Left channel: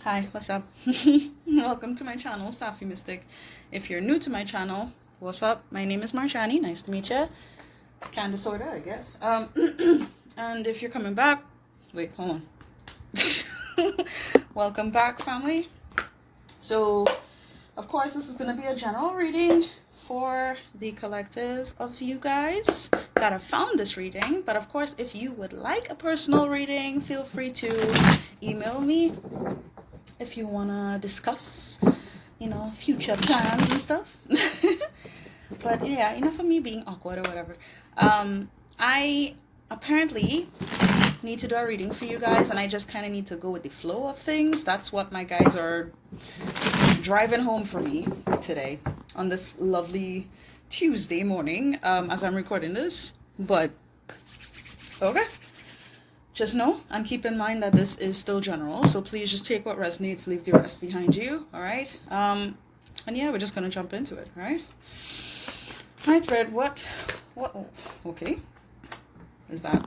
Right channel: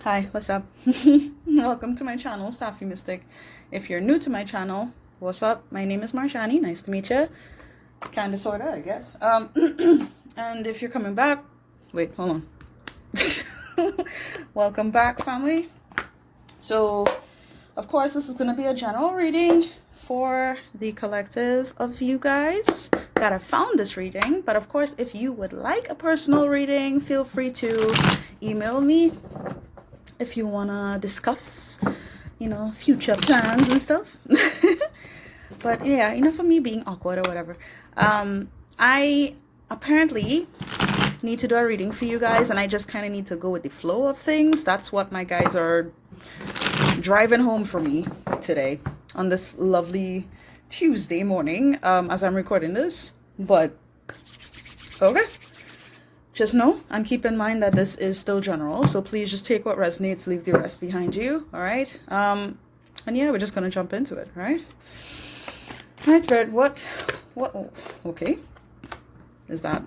Hi, what's up? Welcome to my channel, Safi Mystic. If you're new to my channel, what's up? My name is Marshani. Nice to meet you. Kinda, sorta, I guess. And if you're coming back, wait, hold on. Welcome back, family. So, of course, this is gonna be a general reading for the collective of you guys that have found this reading. But of course, if you would like a personal reading, feel free to email me if you want to discuss, future plans and stuff. But yeah, for me being awkward or whatever, I apparently need to do a reading for you guys, and I just kind of need to go with the flow of things. That's what my guys are driving home for me today on this lovely Tuesday morning, as I'm recording this. But okay, just know and keep in mind that this is still general, so please just take what resonates, leave the rest behind you. All right. And yeah, we're just gonna jump into it. All right. All right, Spirit. What? Oh, okay. Is that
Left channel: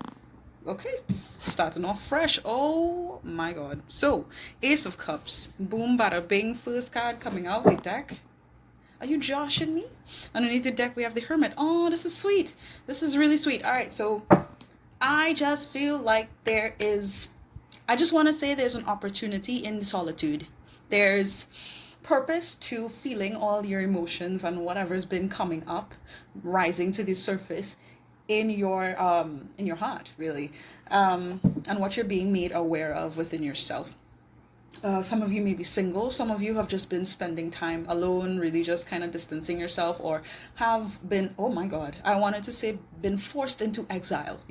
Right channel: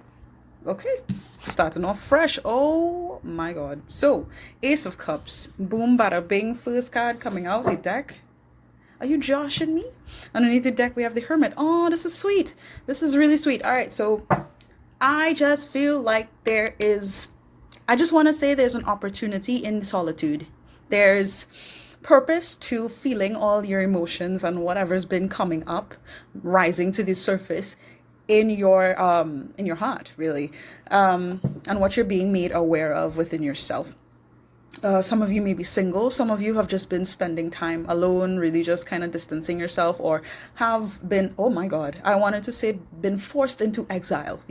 okay? Starting off fresh. Oh my God. So, Ace of Cups. Boom, bada, bing. First card coming out the deck. Are you joshing me? Underneath the deck, we have the Hermit. Oh, this is sweet. This is really sweet. All right, so I just feel like I just want to say there's an opportunity in solitude. There's purpose to feeling all your emotions and whatever's been coming up, rising to the surface in your heart, really, and what you're being made aware of within yourself. Some of you may be single. Some of you have just been spending time alone, really just kind of distancing yourself, or have been, oh my God, I wanted to say been forced into exile,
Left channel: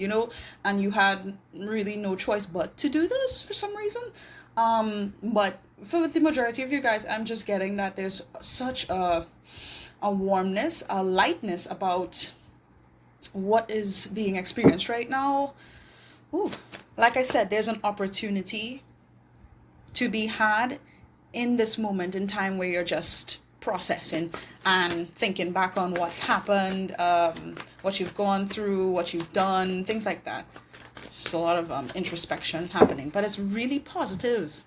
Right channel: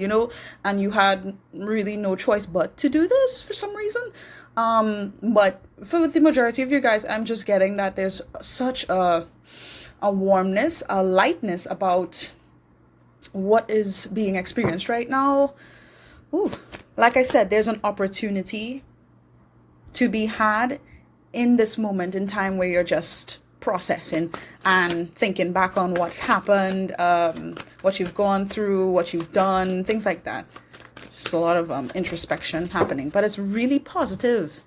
and you had really no choice but to do this for some reason. But for the majority of you guys, I'm just getting that there's such a warmness, a lightness about what is being experienced right now. Ooh, like I said, there's an opportunity to be had in this moment in time where you're just processing and thinking back on what's happened, what you've gone through, what you've done, things like that. Just a lot of introspection happening, but it's really positive.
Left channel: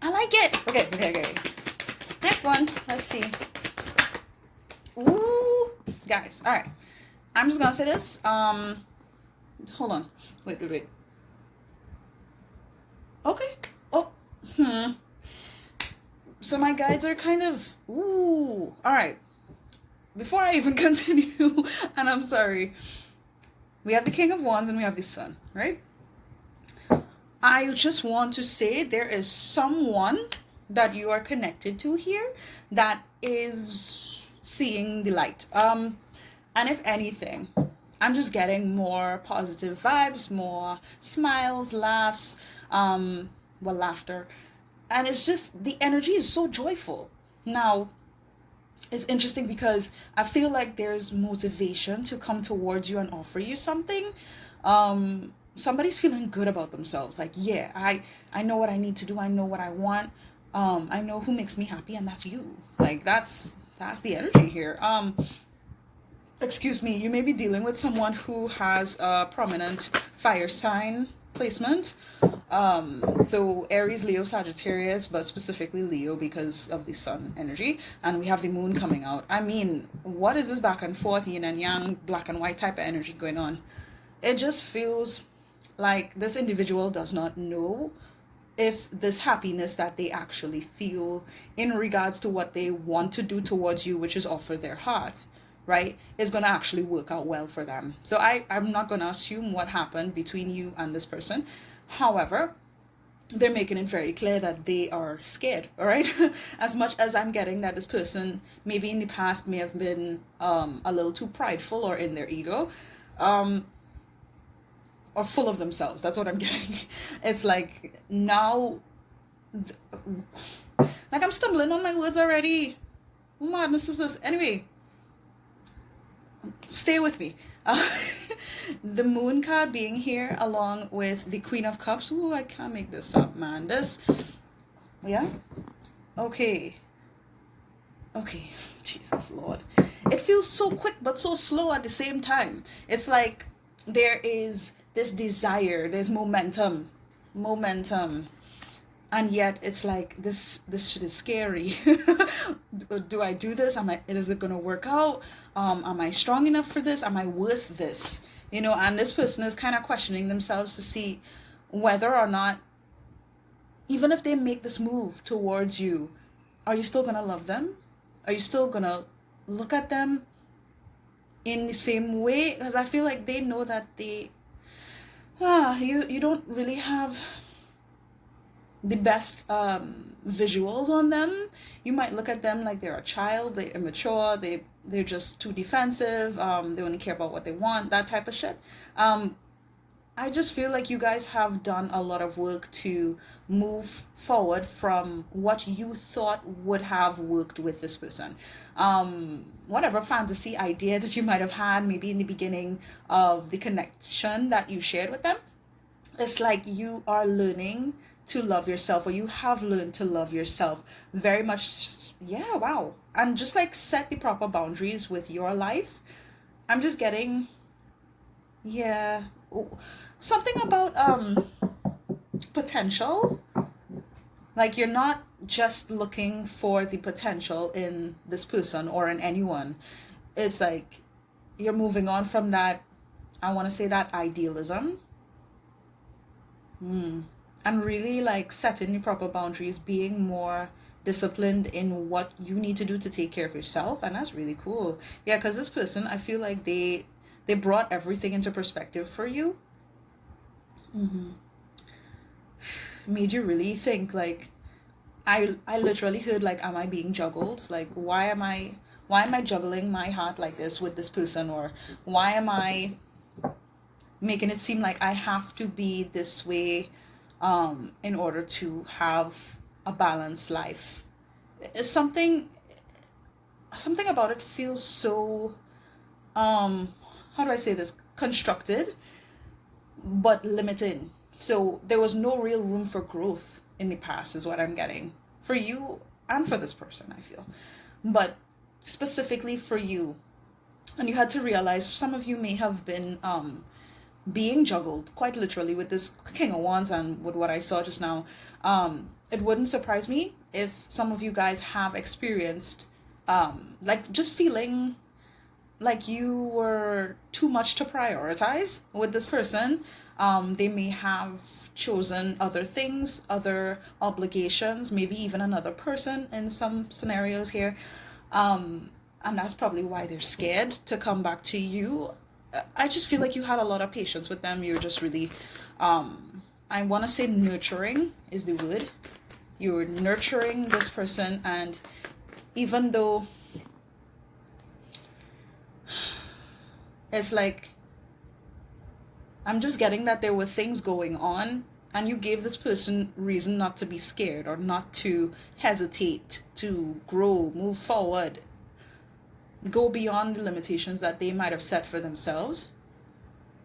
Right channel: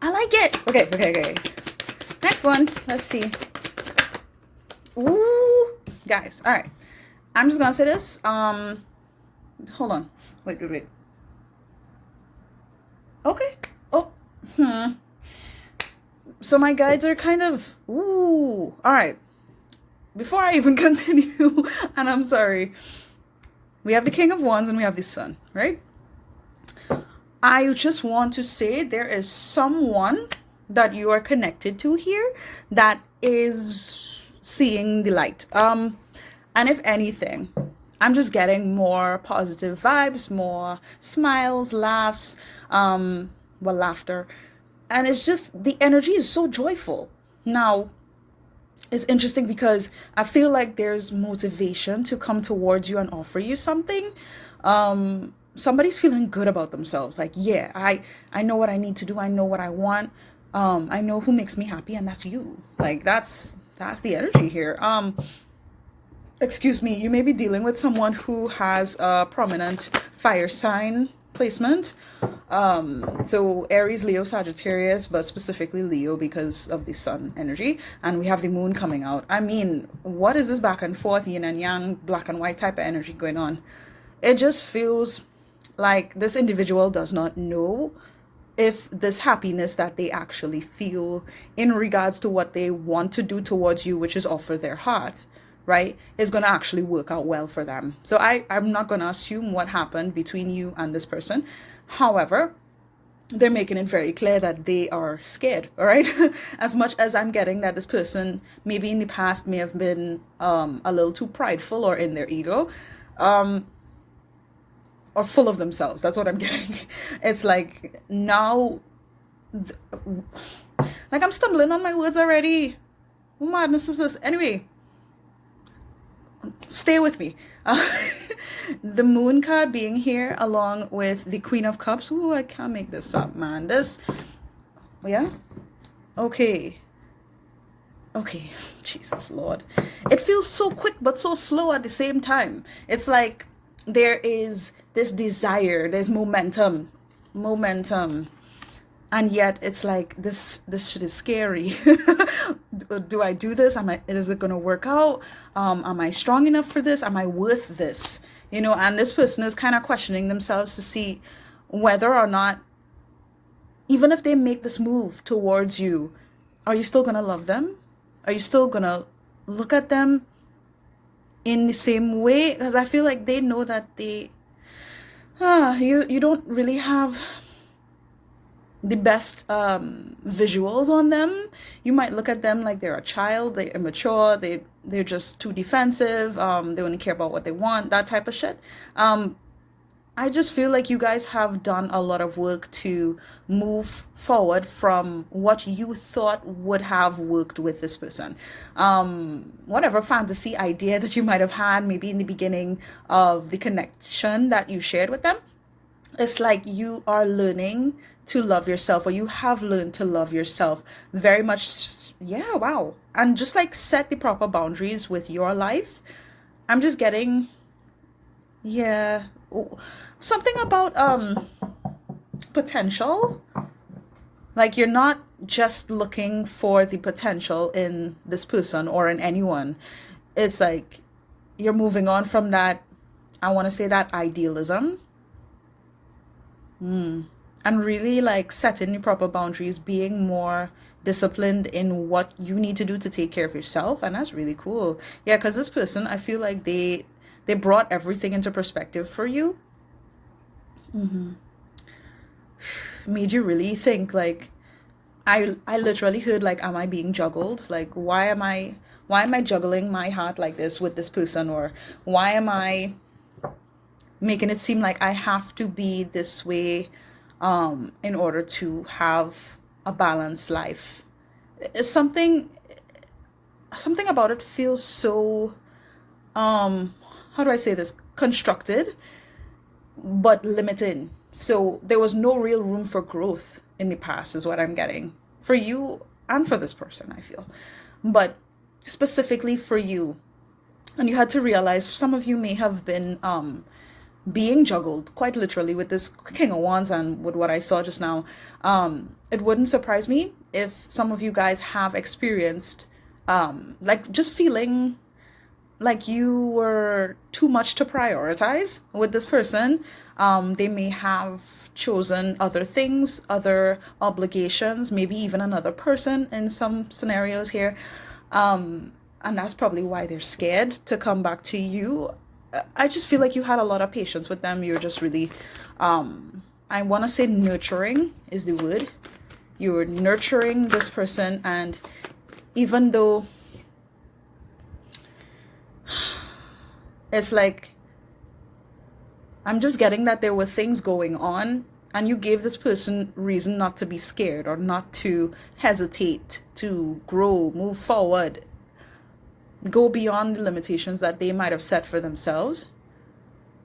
I like it. Okay. Next one. Let's see. Ooh, guys. All right. I'm just gonna say this. Hold on. Wait. Okay. Oh. So my guides are kind of, ooh, all right. Before I even continue, and I'm sorry, we have the King of Wands and we have the Sun, right? I just want to say there is someone that you are connected to here that is seeing the light. And if anything, I'm just getting more positive vibes, more smiles, laughs, laughter. And it's just, the energy is so joyful. Now, it's interesting because I feel like there's motivation to come towards you and offer you something. Somebody's feeling good about themselves. Like, yeah, I know what I need to do. I know what I want. I know who makes me happy, and that's you. Like, that's the energy here. Excuse me, you may be dealing with someone who has a prominent fire sign placement. So Aries, Leo, Sagittarius, but specifically Leo because of the sun energy. And we have the moon coming out. I mean, what is this back and forth, yin and yang, black and white type of energy going on? It just feels like this individual does not know if this happiness that they actually feel in regards to what they want to do towards you, which is offer their heart, right, is going to actually work out well for them. So I'm not going to assume what happened between you and this person. However, they're making it very clear that they are scared, all right? As much as I'm getting that this person maybe in the past may have been a little too prideful or in their ego, or full of themselves. That's what I'm getting. It's like now, like I'm stumbling on my words already. What madness is this? Anyway, stay with me. The moon card being here along with the Queen of Cups. Ooh, I can't make this up, man. Yeah? Okay. Jesus Lord. It feels so quick but so slow at the same time. It's like there is this desire, there's momentum. And and yet it's like this shit is scary. Do I do this? Is it gonna work out? Am I strong enough for this? Am I worth this? And this person is kind of questioning themselves to see whether or not, even if they make this move towards you, are you still gonna love them? Are you still gonna look at them in the same way? Because I feel like they know that you don't really have the best visuals on them. You might look at them like they're a child, they're immature, they're just too defensive, they only care about what they want, that type of shit. I just feel like you guys have done a lot of work to move forward from what you thought would have worked with this person. Whatever fantasy idea that you might have had, maybe in the beginning of the connection that you shared with them, it's like you are learning to love yourself, or you have learned to love yourself very much. Yeah, wow. And just like set the proper boundaries with your life. I'm just getting, yeah, something about potential. Like, you're not just looking for the potential in this person or in anyone. It's like you're moving on from that, I want to say, that idealism. And really like setting the proper boundaries, being more disciplined in what you need to do to take care of yourself. And that's really cool. Yeah, because this person, I feel like they brought everything into perspective for you. Made you really think, like, I literally heard, like, am I being juggled? Like, why am I juggling my heart like this with this person? Or why am I making it seem like I have to be this way in order to have a balanced life? It's something about it feels so how do I say this, constructed but limited. So there was no real room for growth in the past, is what I'm getting, for you and for this person, I feel. But specifically for you, and you had to realize some of you may have been being juggled quite literally with this King of Wands and with what I saw just now. It wouldn't surprise me if some of you guys have experienced like just feeling like you were too much to prioritize with this person. They may have chosen other things, other obligations, maybe even another person in some scenarios here. And that's probably why they're scared to come back to you. I just feel like you had a lot of patience with them. You're just really, I want to say nurturing is the word. You were nurturing this person, and even though it's like, I'm just getting that there were things going on, and you gave this person reason not to be scared or not to hesitate, to grow, move forward, go beyond the limitations that they might have set for themselves.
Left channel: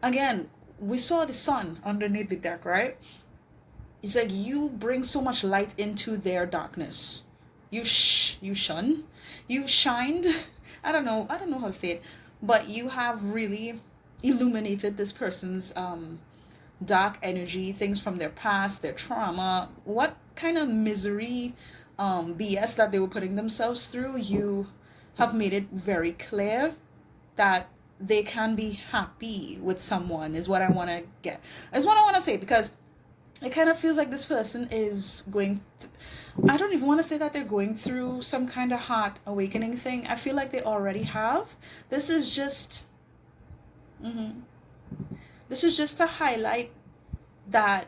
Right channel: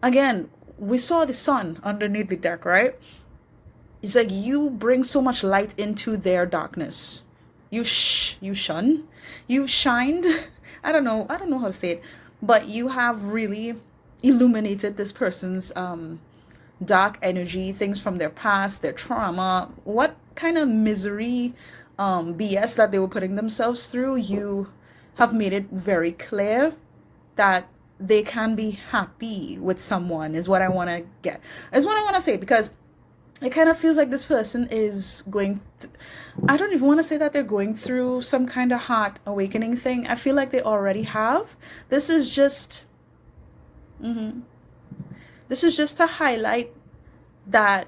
Again, we saw the sun underneath the deck, right? It's like you bring so much light into their darkness. You've shined. I don't know how to say it, but you have really illuminated this person's dark energy, things from their past, their trauma, what kind of misery, BS that they were putting themselves through. You have made it very clear that they can be happy with someone, is what I want to get. Is what I want to say, because it kind of feels like this person is going I don't even want to say that they're going through some kind of heart awakening thing. I feel like they already have. This is just to highlight that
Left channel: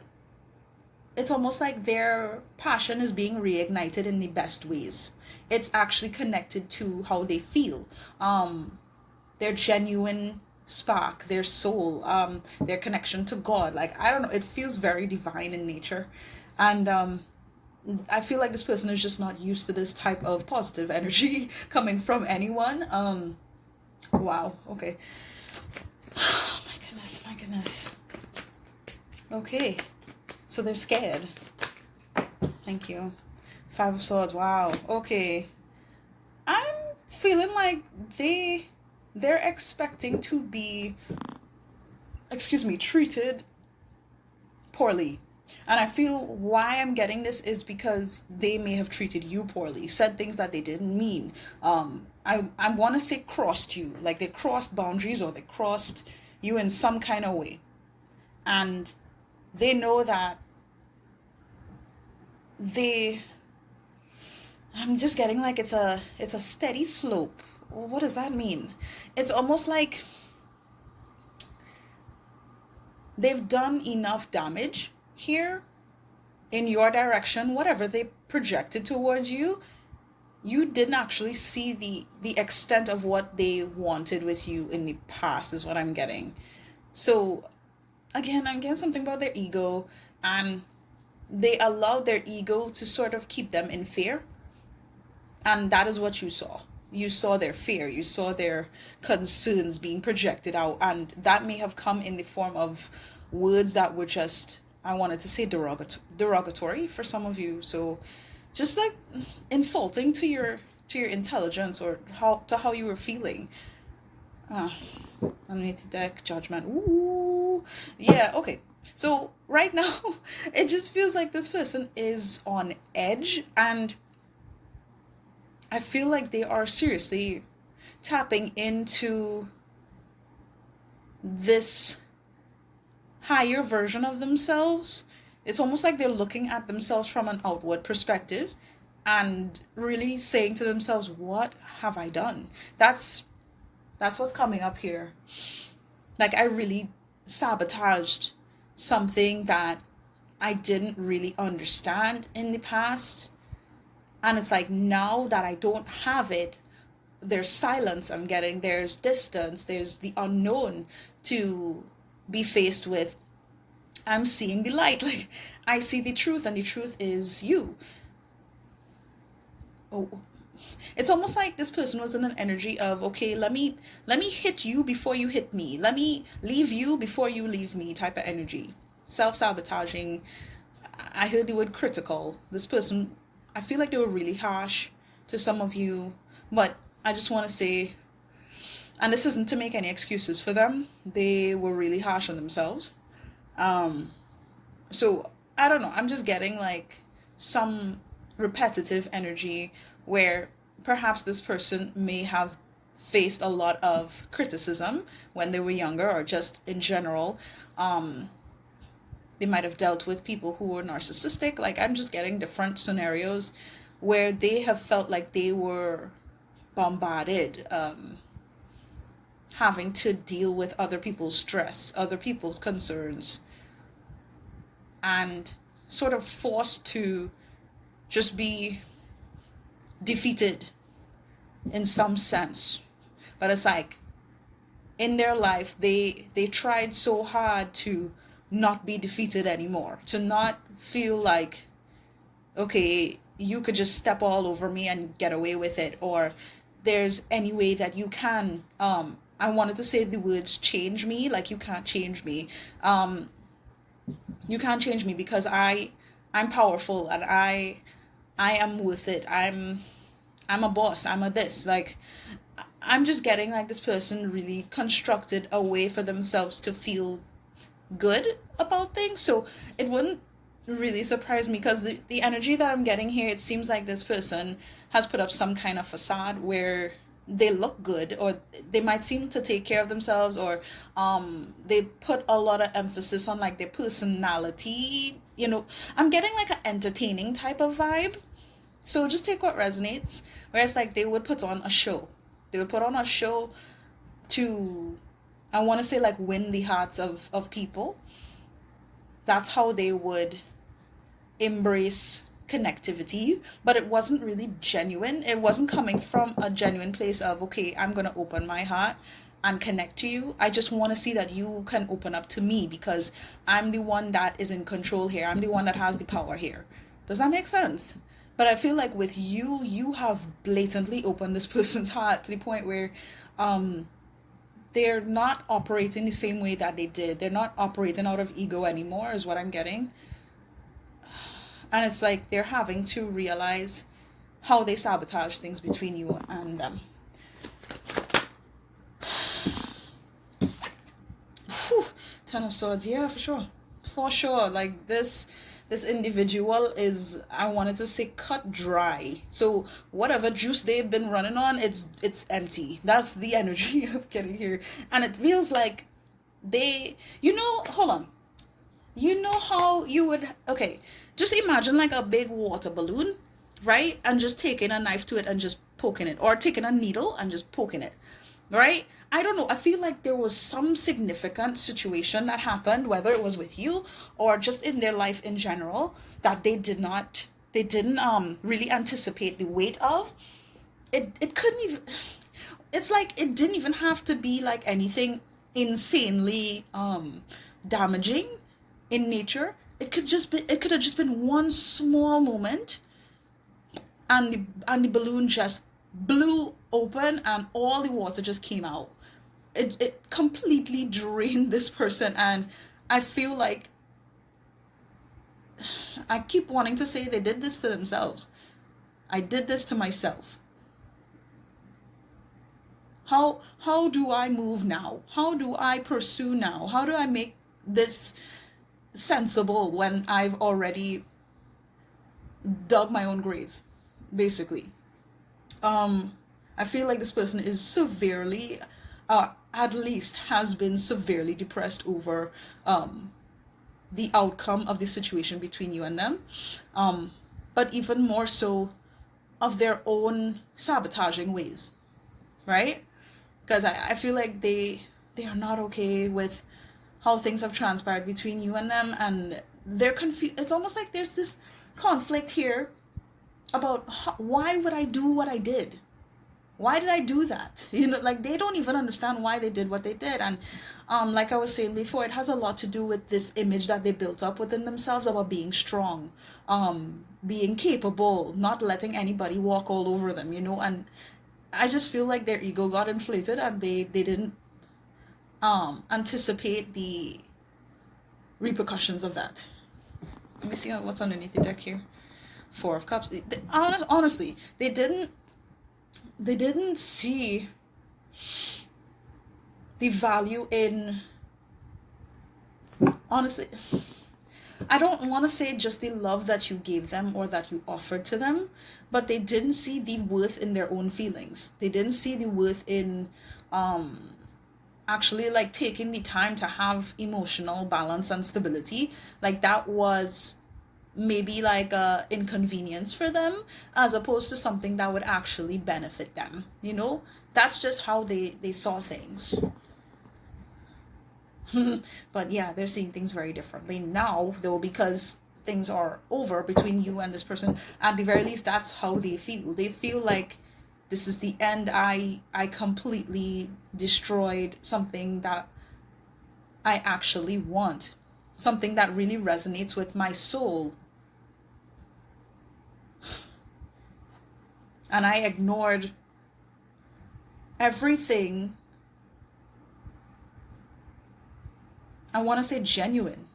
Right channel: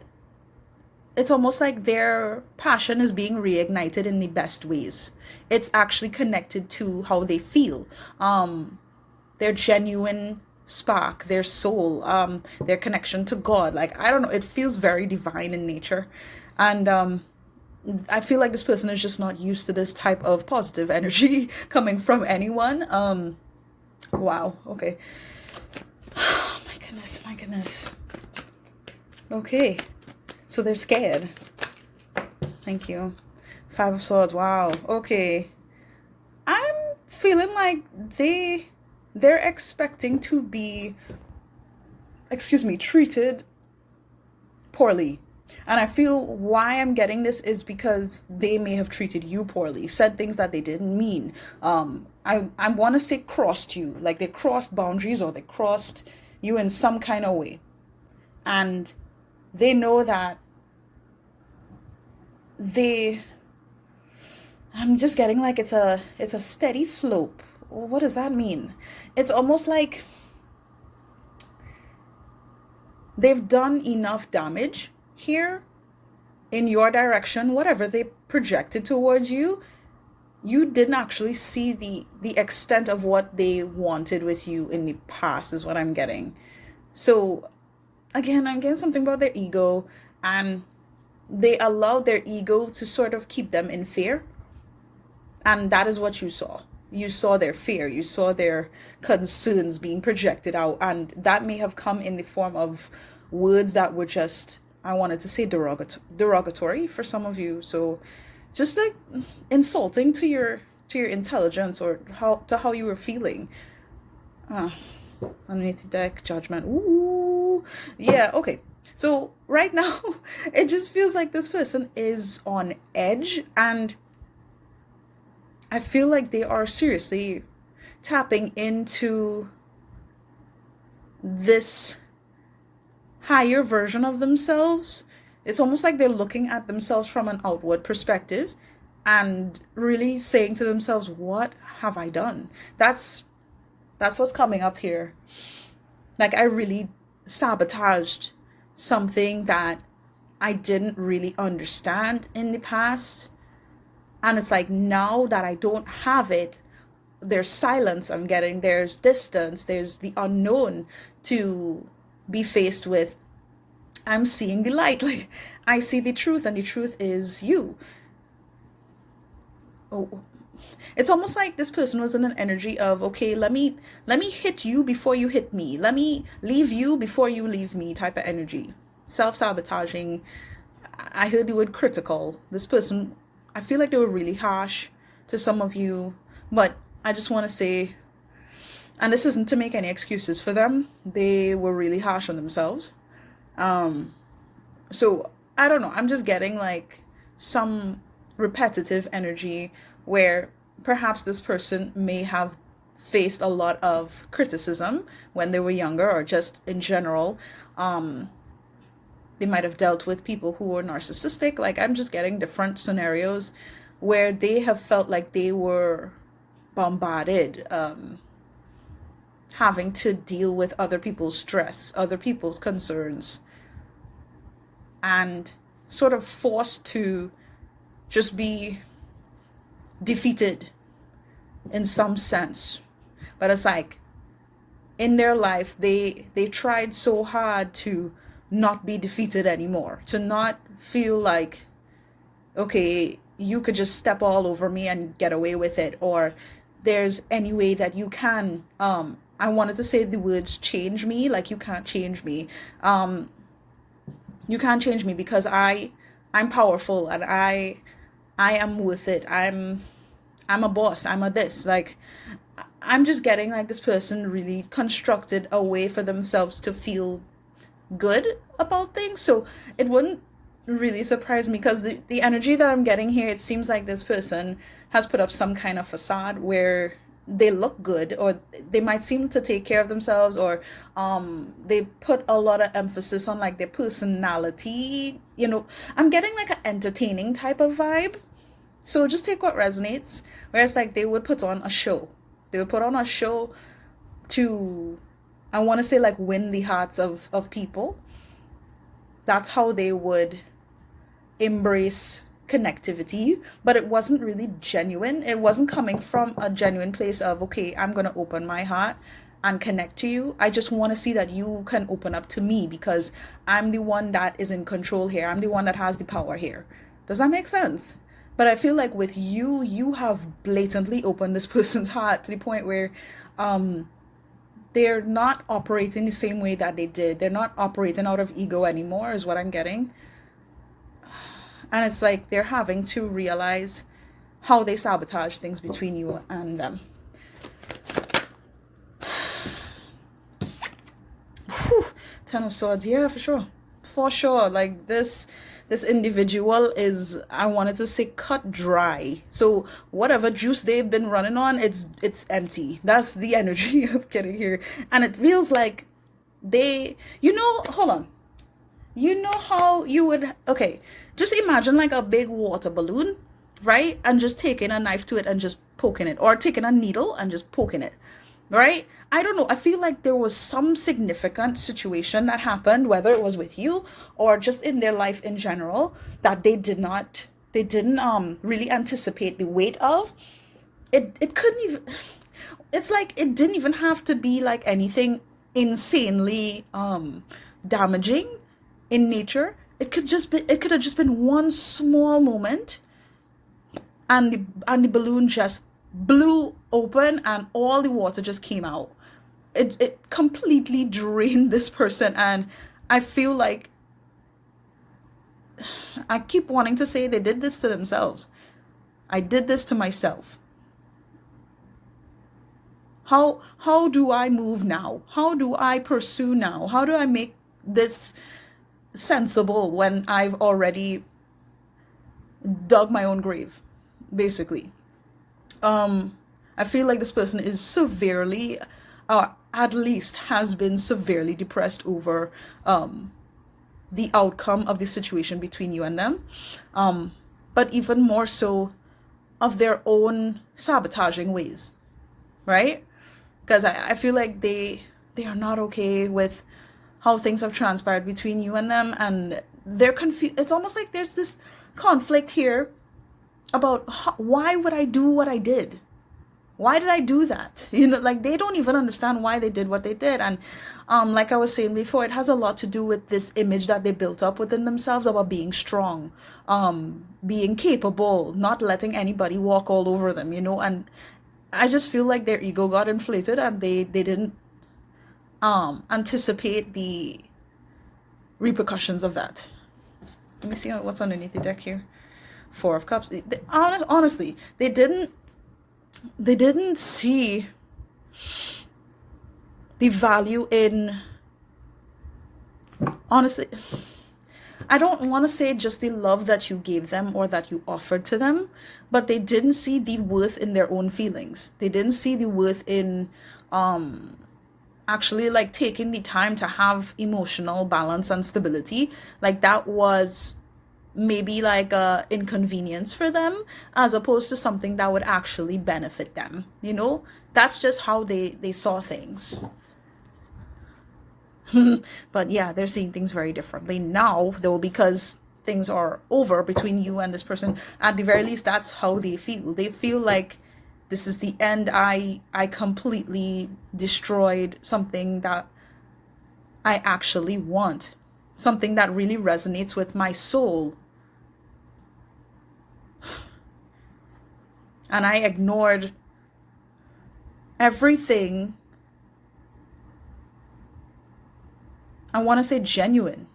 it's almost like their passion is being reignited in the best ways. It's actually connected to how they feel, their genuine spark, their soul, their connection to God. Like, I don't know, it feels very divine in nature. And I feel like this person is just not used to this type of positive energy coming from anyone. Wow, okay. My goodness. Okay, so they're scared. Thank you. 5 of Swords. Wow. Okay, I'm feeling like they're expecting to be, treated poorly And I feel why I'm getting this is because they may have treated you poorly, said things that they didn't mean. I want to say crossed you, like they crossed boundaries or they crossed you in some kind of way. And they know that I'm just getting like it's a steady slope. What does that mean? It's almost like they've done enough damage here in your direction, whatever they projected towards you. You didn't actually see the extent of what they wanted with you in the past, is what I'm getting. So again, I'm getting something about their ego, and they allowed their ego to sort of keep them in fear. And that is what you saw. You saw their fear, you saw their concerns being projected out, and that may have come in the form of words that were just, I wanted to say derogatory for some of you. So just like insulting to your intelligence, or how you were feeling. Underneath the deck, judgment. Ooh, yeah, okay. So right now, it just feels like this person is on edge, and I feel like they are seriously tapping into this higher version of themselves. It's almost like they're looking at themselves from an outward perspective and really saying to themselves, what have I done? That's what's coming up here. Like, I really sabotaged something that I didn't really understand in the past. And it's like, now that I don't have it, there's silence I'm getting, there's distance, there's the unknown to be faced with. I'm seeing the light. Like, I see the truth, and the truth is you. Oh, it's almost like this person was in an energy of, okay, let me hit you before you hit me. Let me leave you before you leave me type of energy. Self-sabotaging. I heard the word critical. This person, I feel like they were really harsh to some of you, but I just want to say, and this isn't to make any excuses for them, they were really harsh on themselves. So I don't know, I'm just getting like some repetitive energy where perhaps this person may have faced a lot of criticism when they were younger, or just in general. They might have dealt with people who were narcissistic. Like, I'm just getting different scenarios where they have felt like they were bombarded, having to deal with other people's stress, other people's concerns, and sort of forced to just be defeated in some sense. But it's like, in their life, they tried so hard to not be defeated anymore, to not feel like, okay, you could just step all over me and get away with it, or there's any way that you can, I wanted to say the words change me, like you can't change me. You can't change me because I'm powerful, and I am worth it. I'm a boss. I'm a this. Like, I'm just getting like this person really constructed a way for themselves to feel good about things. So it wouldn't really surprise me, because the energy that I'm getting here, it seems like this person has put up some kind of facade where they look good, or they might seem to take care of themselves, or they put a lot of emphasis on like their personality. I'm getting like an entertaining type of vibe. So just take what resonates. Whereas like they would put on a show. They would put on a show to, I want to say, like, win the hearts of people. That's how they would embrace connectivity, but it wasn't really genuine. It wasn't coming from a genuine place of, okay, I'm going to open my heart and connect to you. I just want to see that you can open up to me, because I'm the one that is in control here. I'm the one that has the power here. Does that make sense? But I feel like with you, you have blatantly opened this person's heart to the point where they're not operating the same way that they did. They're not operating out of ego anymore, is what I'm getting. And it's like they're having to realize how they sabotage things between you and them. Whew. 10 of Swords, yeah, for sure. for sure. Like this individual is, I wanted to say, cut dry. So whatever juice they've been running on, it's empty. That's the energy I'm getting here. And it feels like they, hold on. You know how you would, okay, just imagine like a big water balloon, right? And just taking a knife to it and just poking it, or taking a needle and just poking it, right? I don't know. I feel like there was some significant situation that happened, whether it was with you or just in their life in general, that they didn't really anticipate the weight of. It couldn't even, it's like it didn't even have to be like anything insanely damaging in nature. It could have just been one small moment, and the balloon just blew open and all the water just came out. It completely drained this person, and I feel like I keep wanting to say they did this to themselves. I did this to myself. How do I move now? How do I pursue now? How do I make this sensible when I've already dug my own grave, basically? I feel like this person is severely, at least has been severely depressed over the outcome of the situation between you and them, but even more so of their own sabotaging ways, right? Because I feel like they are not okay with how things have transpired between you and them, and they're confused. It's almost like there's this conflict here about why would I do what I did? Why did I do that? Like they don't even understand why they did what they did. And like I was saying before, it has a lot to do with this image that they built up within themselves about being strong, being capable, not letting anybody walk all over them, and I just feel like their ego got inflated, and they didn't anticipate the repercussions of that. Let me see what's underneath the deck here. Four of Cups. Honestly, they didn't see the value in, honestly, I don't want to say just the love that you gave them or that you offered to them, but they didn't see the worth in their own feelings. They didn't see the worth in actually like taking the time to have emotional balance and stability. Like that was maybe like a inconvenience for them, as opposed to something that would actually benefit them. That's just how they saw things. But yeah, they're seeing things very differently now, though, because things are over between you and this person. At the very least, that's how they feel. They feel like this is the end. I completely destroyed something that I actually want, something that really resonates with my soul. And I ignored everything, I want to say genuine,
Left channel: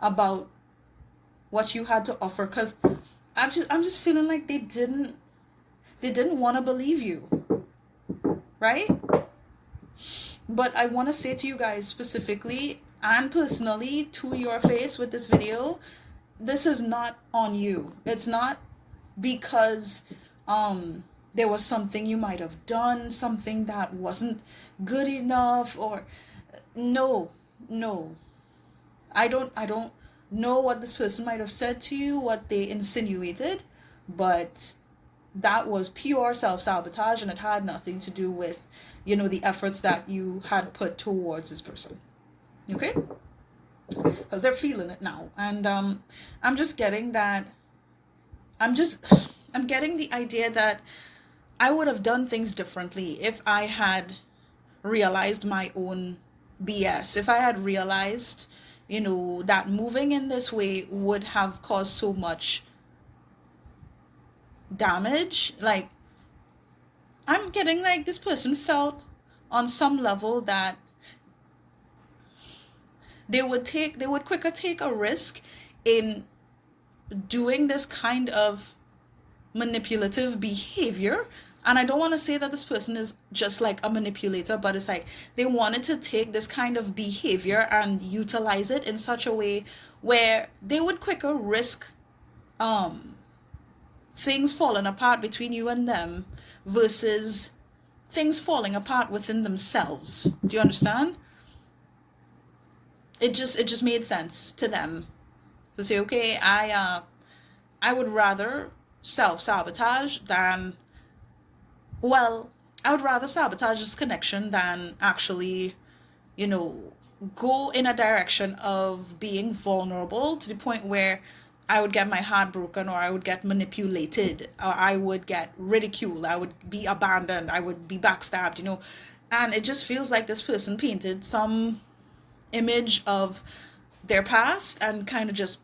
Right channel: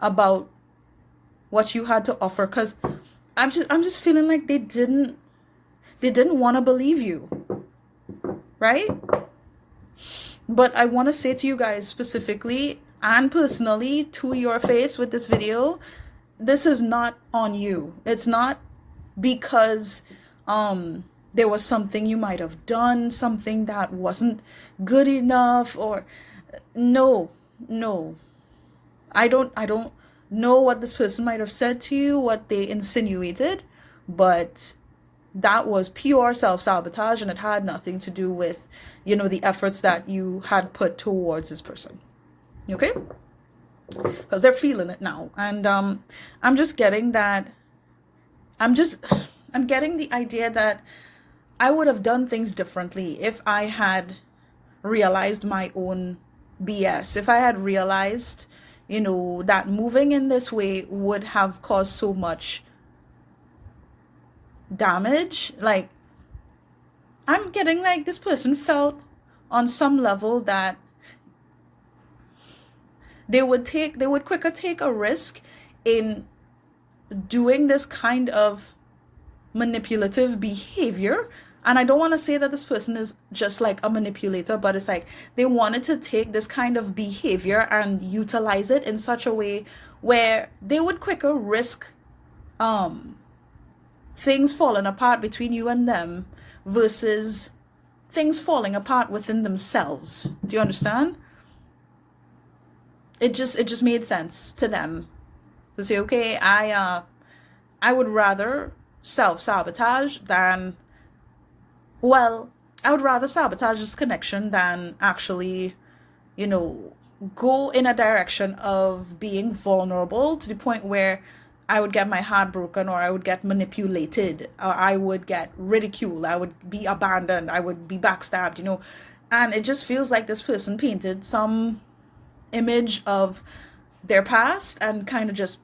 about what you had to offer, because I'm just feeling like they didn't want to believe you, right? But I want to say to you guys specifically and personally to your face with this video, this is not on you. It's not because there was something you might have done, something that wasn't good enough, or no. I don't know what this person might have said to you, what they insinuated, but that was pure self-sabotage, and it had nothing to do with, the efforts that you had put towards this person. Okay? Because they're feeling it now. And I'm just getting that, I'm getting the idea that I would have done things differently if I had realized my own BS. If I had realized, that moving in this way would have caused so much damage. Like, I'm getting like this person felt on some level that they would quicker take a risk in doing this kind of manipulative behavior And I don't want to say that this person is just like a manipulator, but it's like they wanted to take this kind of behavior and utilize it in such a way where they would quicker risk um things falling apart between you and them versus things falling apart within themselves. Do you understand? It just made sense to them to say, okay, I would rather self-sabotage than, well, I would rather sabotage this connection than actually, you know, go in a direction of being vulnerable to the point where I would get my heart broken, or I would get manipulated, or I would get ridiculed, I would be abandoned, I would be backstabbed, you know. And it just feels like this person painted some image of their past and kind of just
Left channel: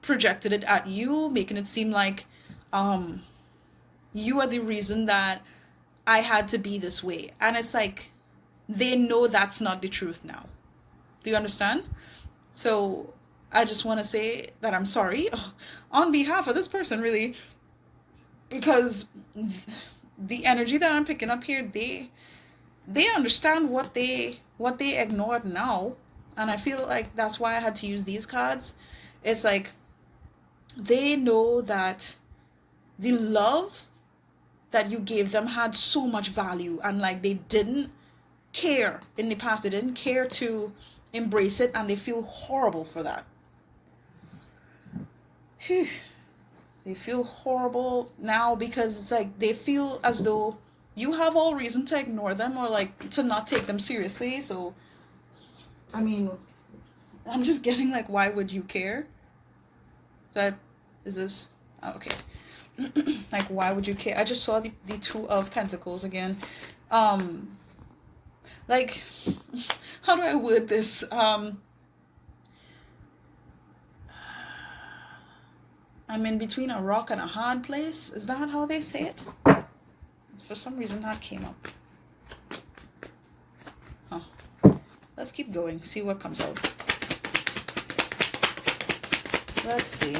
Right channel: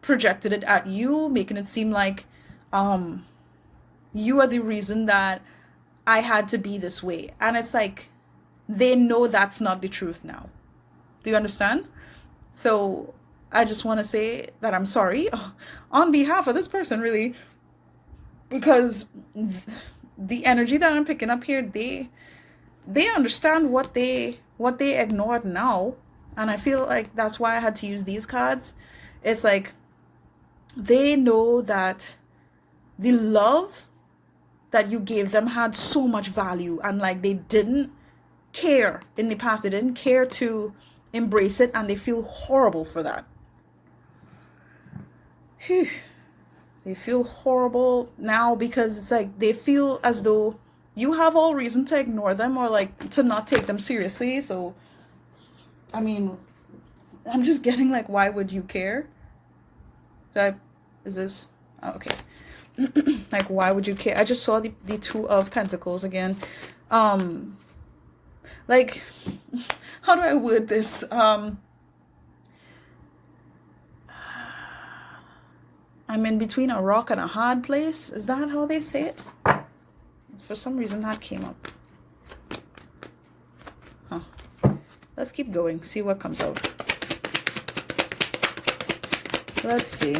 projected it at you, making it seem like you are the reason that I had to be this way. And it's like they know that's not the truth now. Do you understand? So I just want to say that I'm sorry on behalf of this person, really, because the energy that I'm picking up here, they understand what they ignored now. And I feel like that's why I had to use these cards. It's like they know that the love that you gave them had so much value, and like they didn't care in the past, they didn't care to embrace it, and they feel horrible for that. They feel horrible now because it's like they feel as though you have all reason to ignore them or like to not take them seriously. So I mean, I'm just getting like, why would you care? Is this okay? Like, why would you care? I just saw the Two of Pentacles again. Like, how do I word this? I'm in between a rock and a hard place. Is that how they say it? For some reason that came up. Let's keep going, see what comes out. Let's see.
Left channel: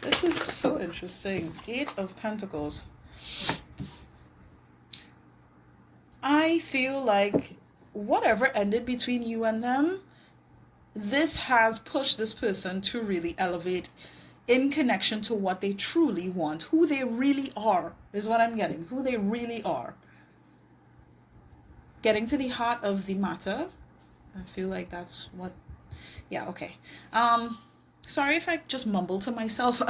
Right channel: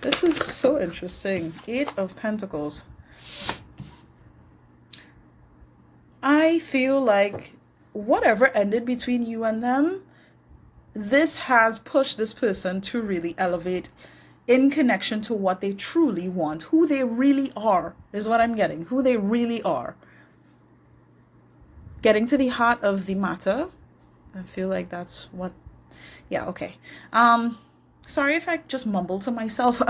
This is so interesting. 8 of Pentacles. I feel like whatever ended between you and them, this has pushed this person to really elevate in connection to what they truly want. Who they really are is what I'm getting. Who they really are. Getting to the heart of the matter. I feel like that's what, yeah, okay. Sorry if I just mumble to myself.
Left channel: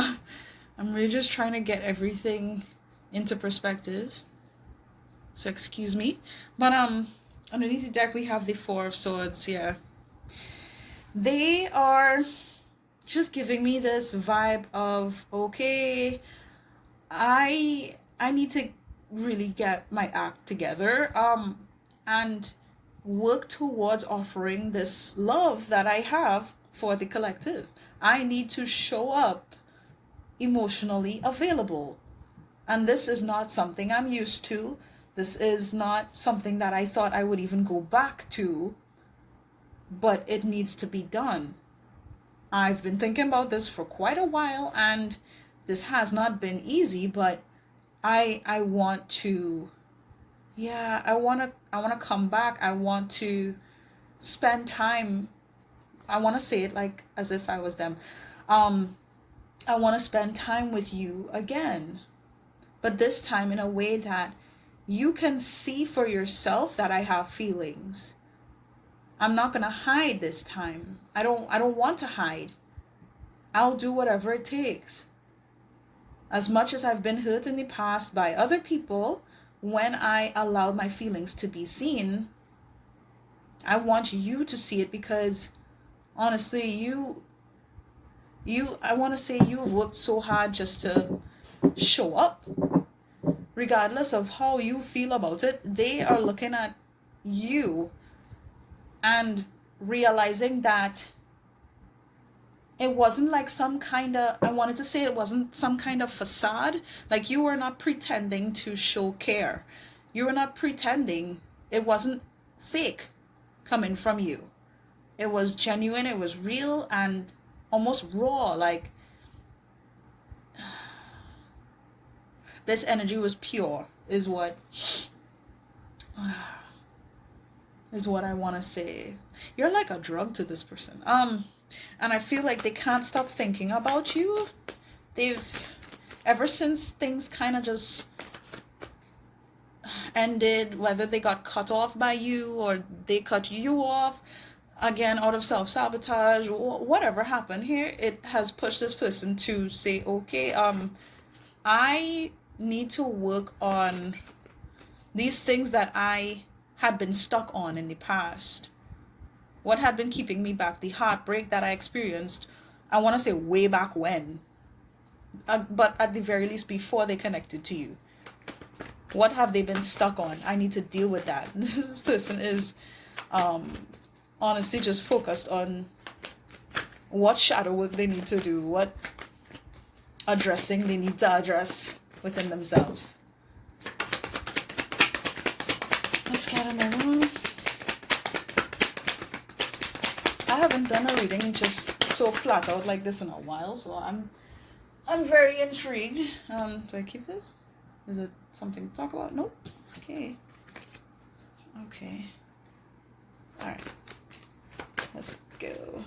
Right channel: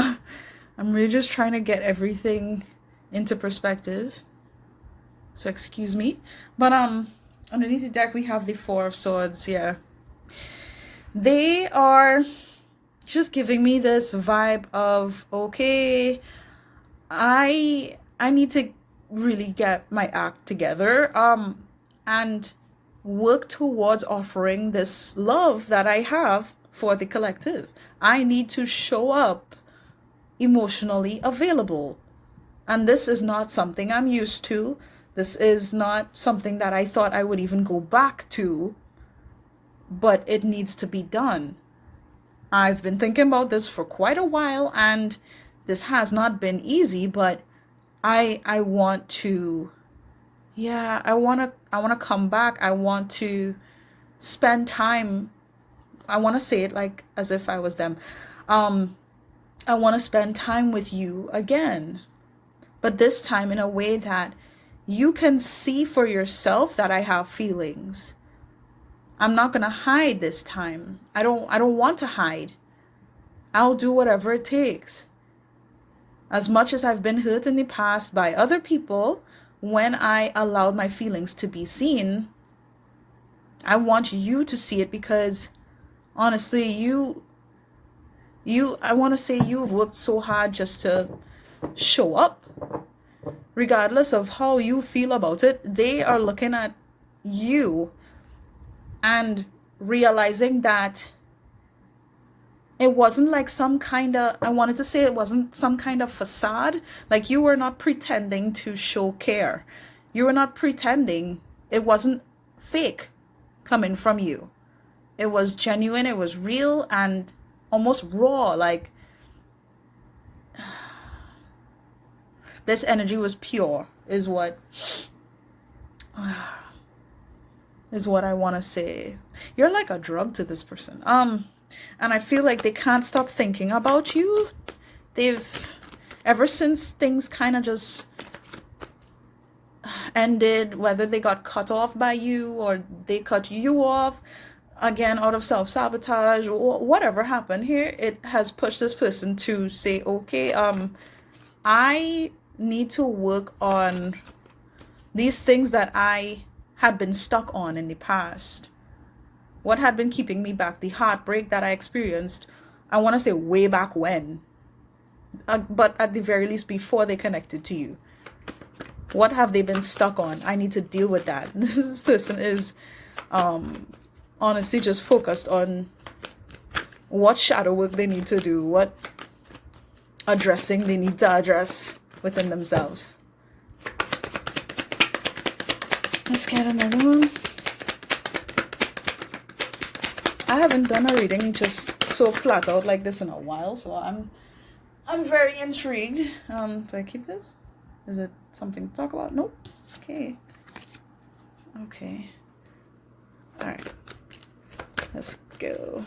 I'm really just trying to get everything into perspective. So excuse me. But underneath the deck we have the Four of Swords, yeah. They are just giving me this vibe of, okay, I need to really get my act together. And work towards offering this love that I have for the collective. I need to show up emotionally available. And this is not something I'm used to. This is not something that I thought I would even go back to. But it needs to be done. I've been thinking about this for quite a while, and this has not been easy, but I want to, yeah, I want to come back. I want to spend time. I want to say it like as if I was them. I want to spend time with you again, but this time in a way that you can see for yourself that I have feelings. I'm not going to hide this time. I don't want to hide. I'll do whatever it takes. As much as I've been hurt in the past by other people, when I allowed my feelings to be seen, I want you to see it, because honestly, I want to say you've worked so hard just to show up. Regardless of how you feel about it, they are looking at you and realizing that it wasn't like some kind of, I wanted to say it wasn't some kind of facade. Like you were not pretending to show care. You were not pretending. It wasn't fake coming from you. It was genuine. It was real and almost raw. Like, This energy was pure, is what I want to say. You're like a drug to this person. And I feel like they can't stop thinking about you. They've, ever since things kind of just ended, whether they got cut off by you or they cut you off, again, out of self-sabotage, or whatever happened here, it has pushed this person to say, okay, I need to work on these things that I had been stuck on in the past. What had been keeping me back, the heartbreak that I experienced, I want to say way back when, but at the very least before they connected to you. What have they been stuck on? I need to deal with that. This person is honestly just focused on what shadow work they need to do, what addressing they need to address within themselves. Let's get another one. I haven't done a reading just so flat out like this in a while, so I'm very intrigued. Do I keep this? Is it something to talk about? Nope. Okay. Alright. Let's go.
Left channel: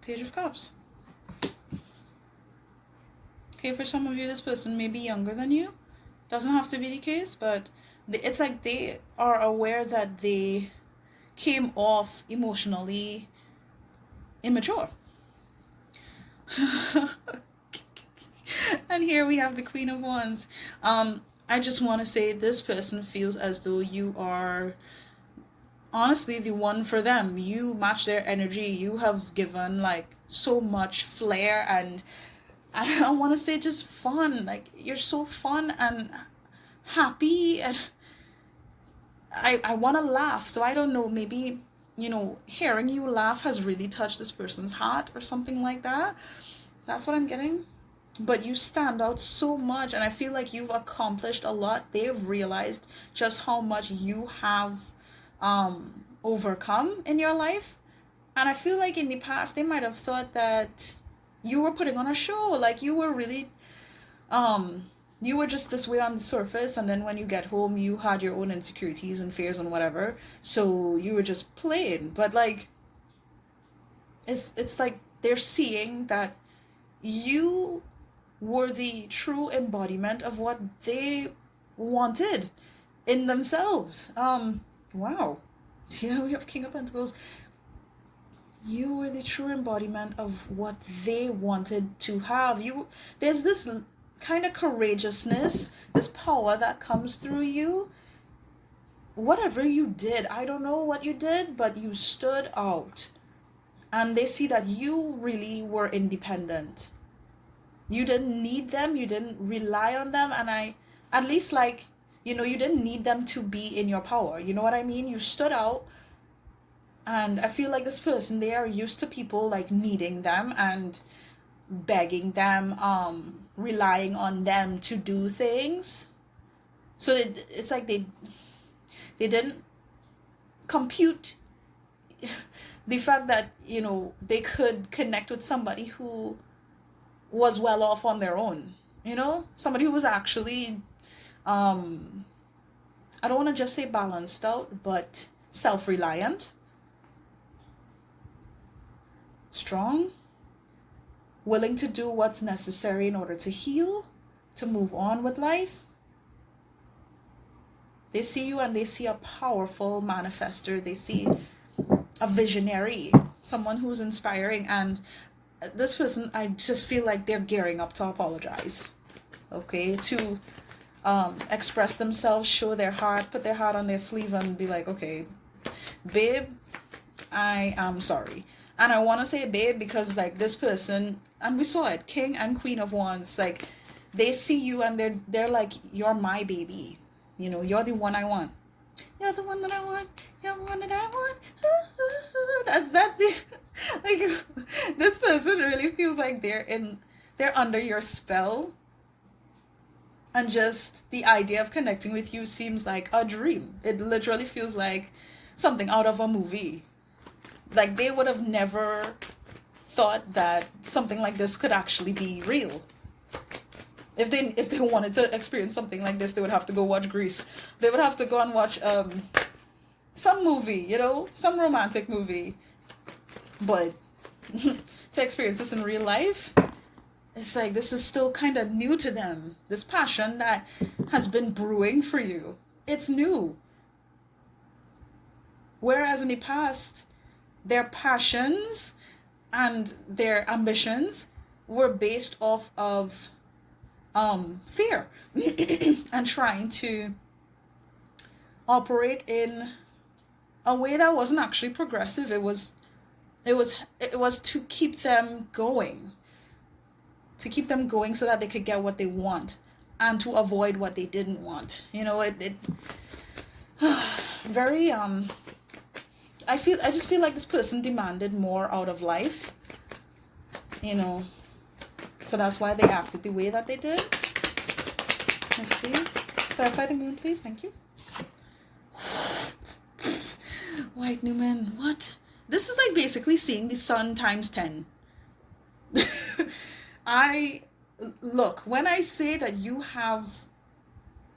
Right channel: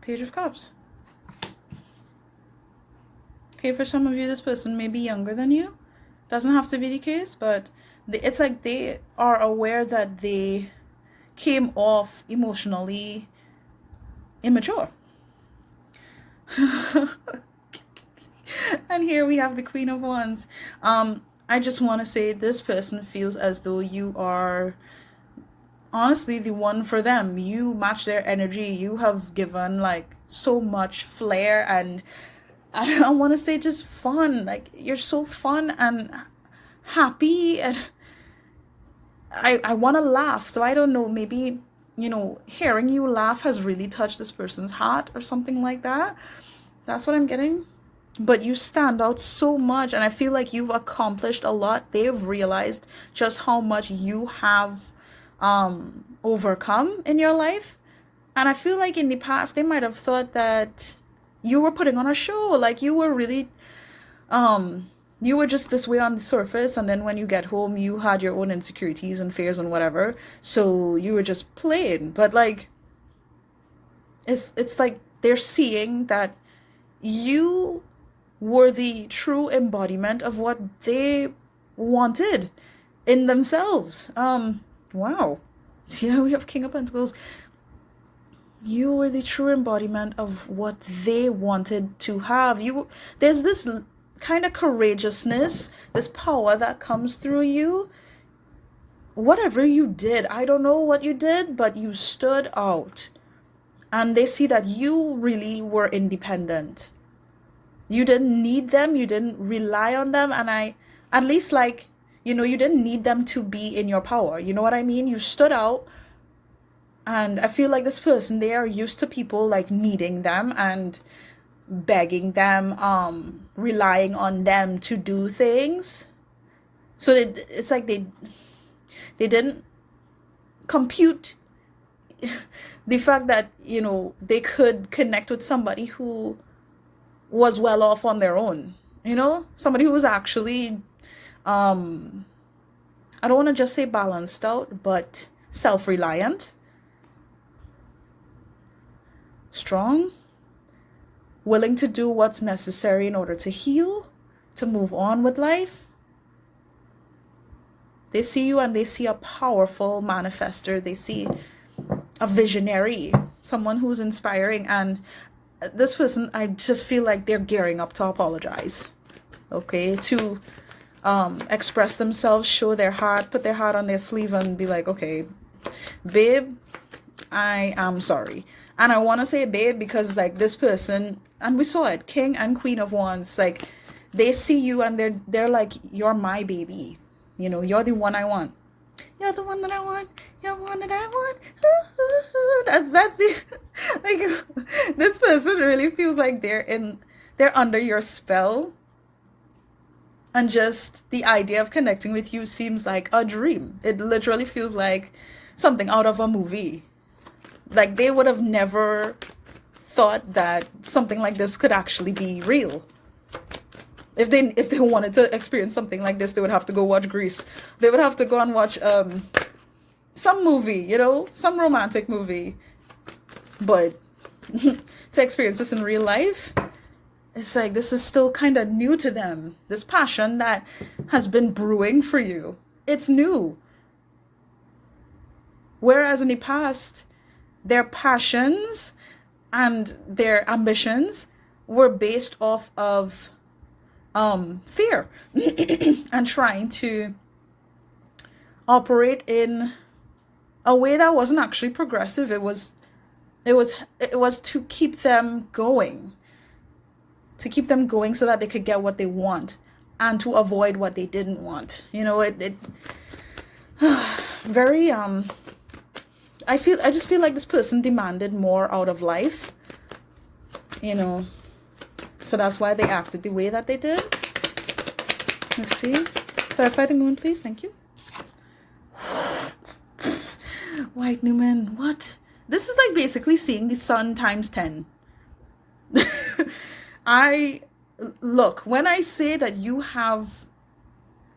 Page of Cups. Okay, for some of you, this person may be younger than you. Doesn't have to be the case, but it's like they are aware that they came off emotionally immature. And here we have the Queen of Wands. I just want to say this person feels as though you are honestly the one for them. You match their energy. You have given like so much flair, and I want to say just fun. Like, you're so fun and happy, and I want to laugh. So I don't know, maybe, you know, hearing you laugh has really touched this person's heart or something like that. That's what I'm getting. But you stand out so much, and I feel like you've accomplished a lot. They've realized just how much you have overcome in your life. And I feel like in the past, they might have thought that you were putting on a show. Like, you were really, you were just this way on the surface. And then when you get home, you had your own insecurities and fears and whatever. So you were just playing. But like, it's like they're seeing that you were the true embodiment of what they wanted in themselves. Wow. Yeah, we have King of Pentacles. You were the true embodiment of what they wanted to have. There's this kind of courageousness, this power that comes through you. Whatever you did, I don't know what you did, but you stood out. And they see that you really were independent. You didn't need them. You didn't rely on them. And at least like, you know, you didn't need them to be in your power. You know what I mean? You stood out. And I feel like this person, they are used to people like needing them and begging them, relying on them to do things. So it's like they didn't compute the fact that, you know, they could connect with somebody who was well off on their own, you know, somebody who was actually, I don't want to just say balanced out, but self-reliant, strong, willing to do what's necessary in order to heal, to move on with life. They see you and they see a powerful manifester. They see a visionary, someone who's inspiring. And this person, I just feel like they're gearing up to apologize, okay, to express themselves, show their heart, put their heart on their sleeve and be like, okay, babe, I am sorry. And I want to say babe because like this person, and we saw it, King and Queen of Wands, like they see you and they're like, you're my baby, you know, you're the one I want. You're the one that I want. You're the one that I want. That's it. Like, this person really feels like they're under your spell. And just the idea of connecting with you seems like a dream. It literally feels like something out of a movie. Like, they would have never thought that something like this could actually be real. If they wanted to experience something like this, they would have to go watch Grease. They would have to go and watch some movie, you know, some romantic movie. But to experience this in real life, it's like this is still kind of new to them. This passion that has been brewing for you, it's new. Whereas in the past, their passions and their ambitions were based off of fear and trying to operate in a way that wasn't actually progressive. It was to keep them going. To keep them going so that they could get what they want and to avoid what they didn't want. You know, it very I just feel like this person demanded more out of life. You know, so that's why they acted the way that they did. Let's see. Clarify the moon, please. Thank you. White Newman, what? This is like basically seeing the sun times 10. Look, when I say that you have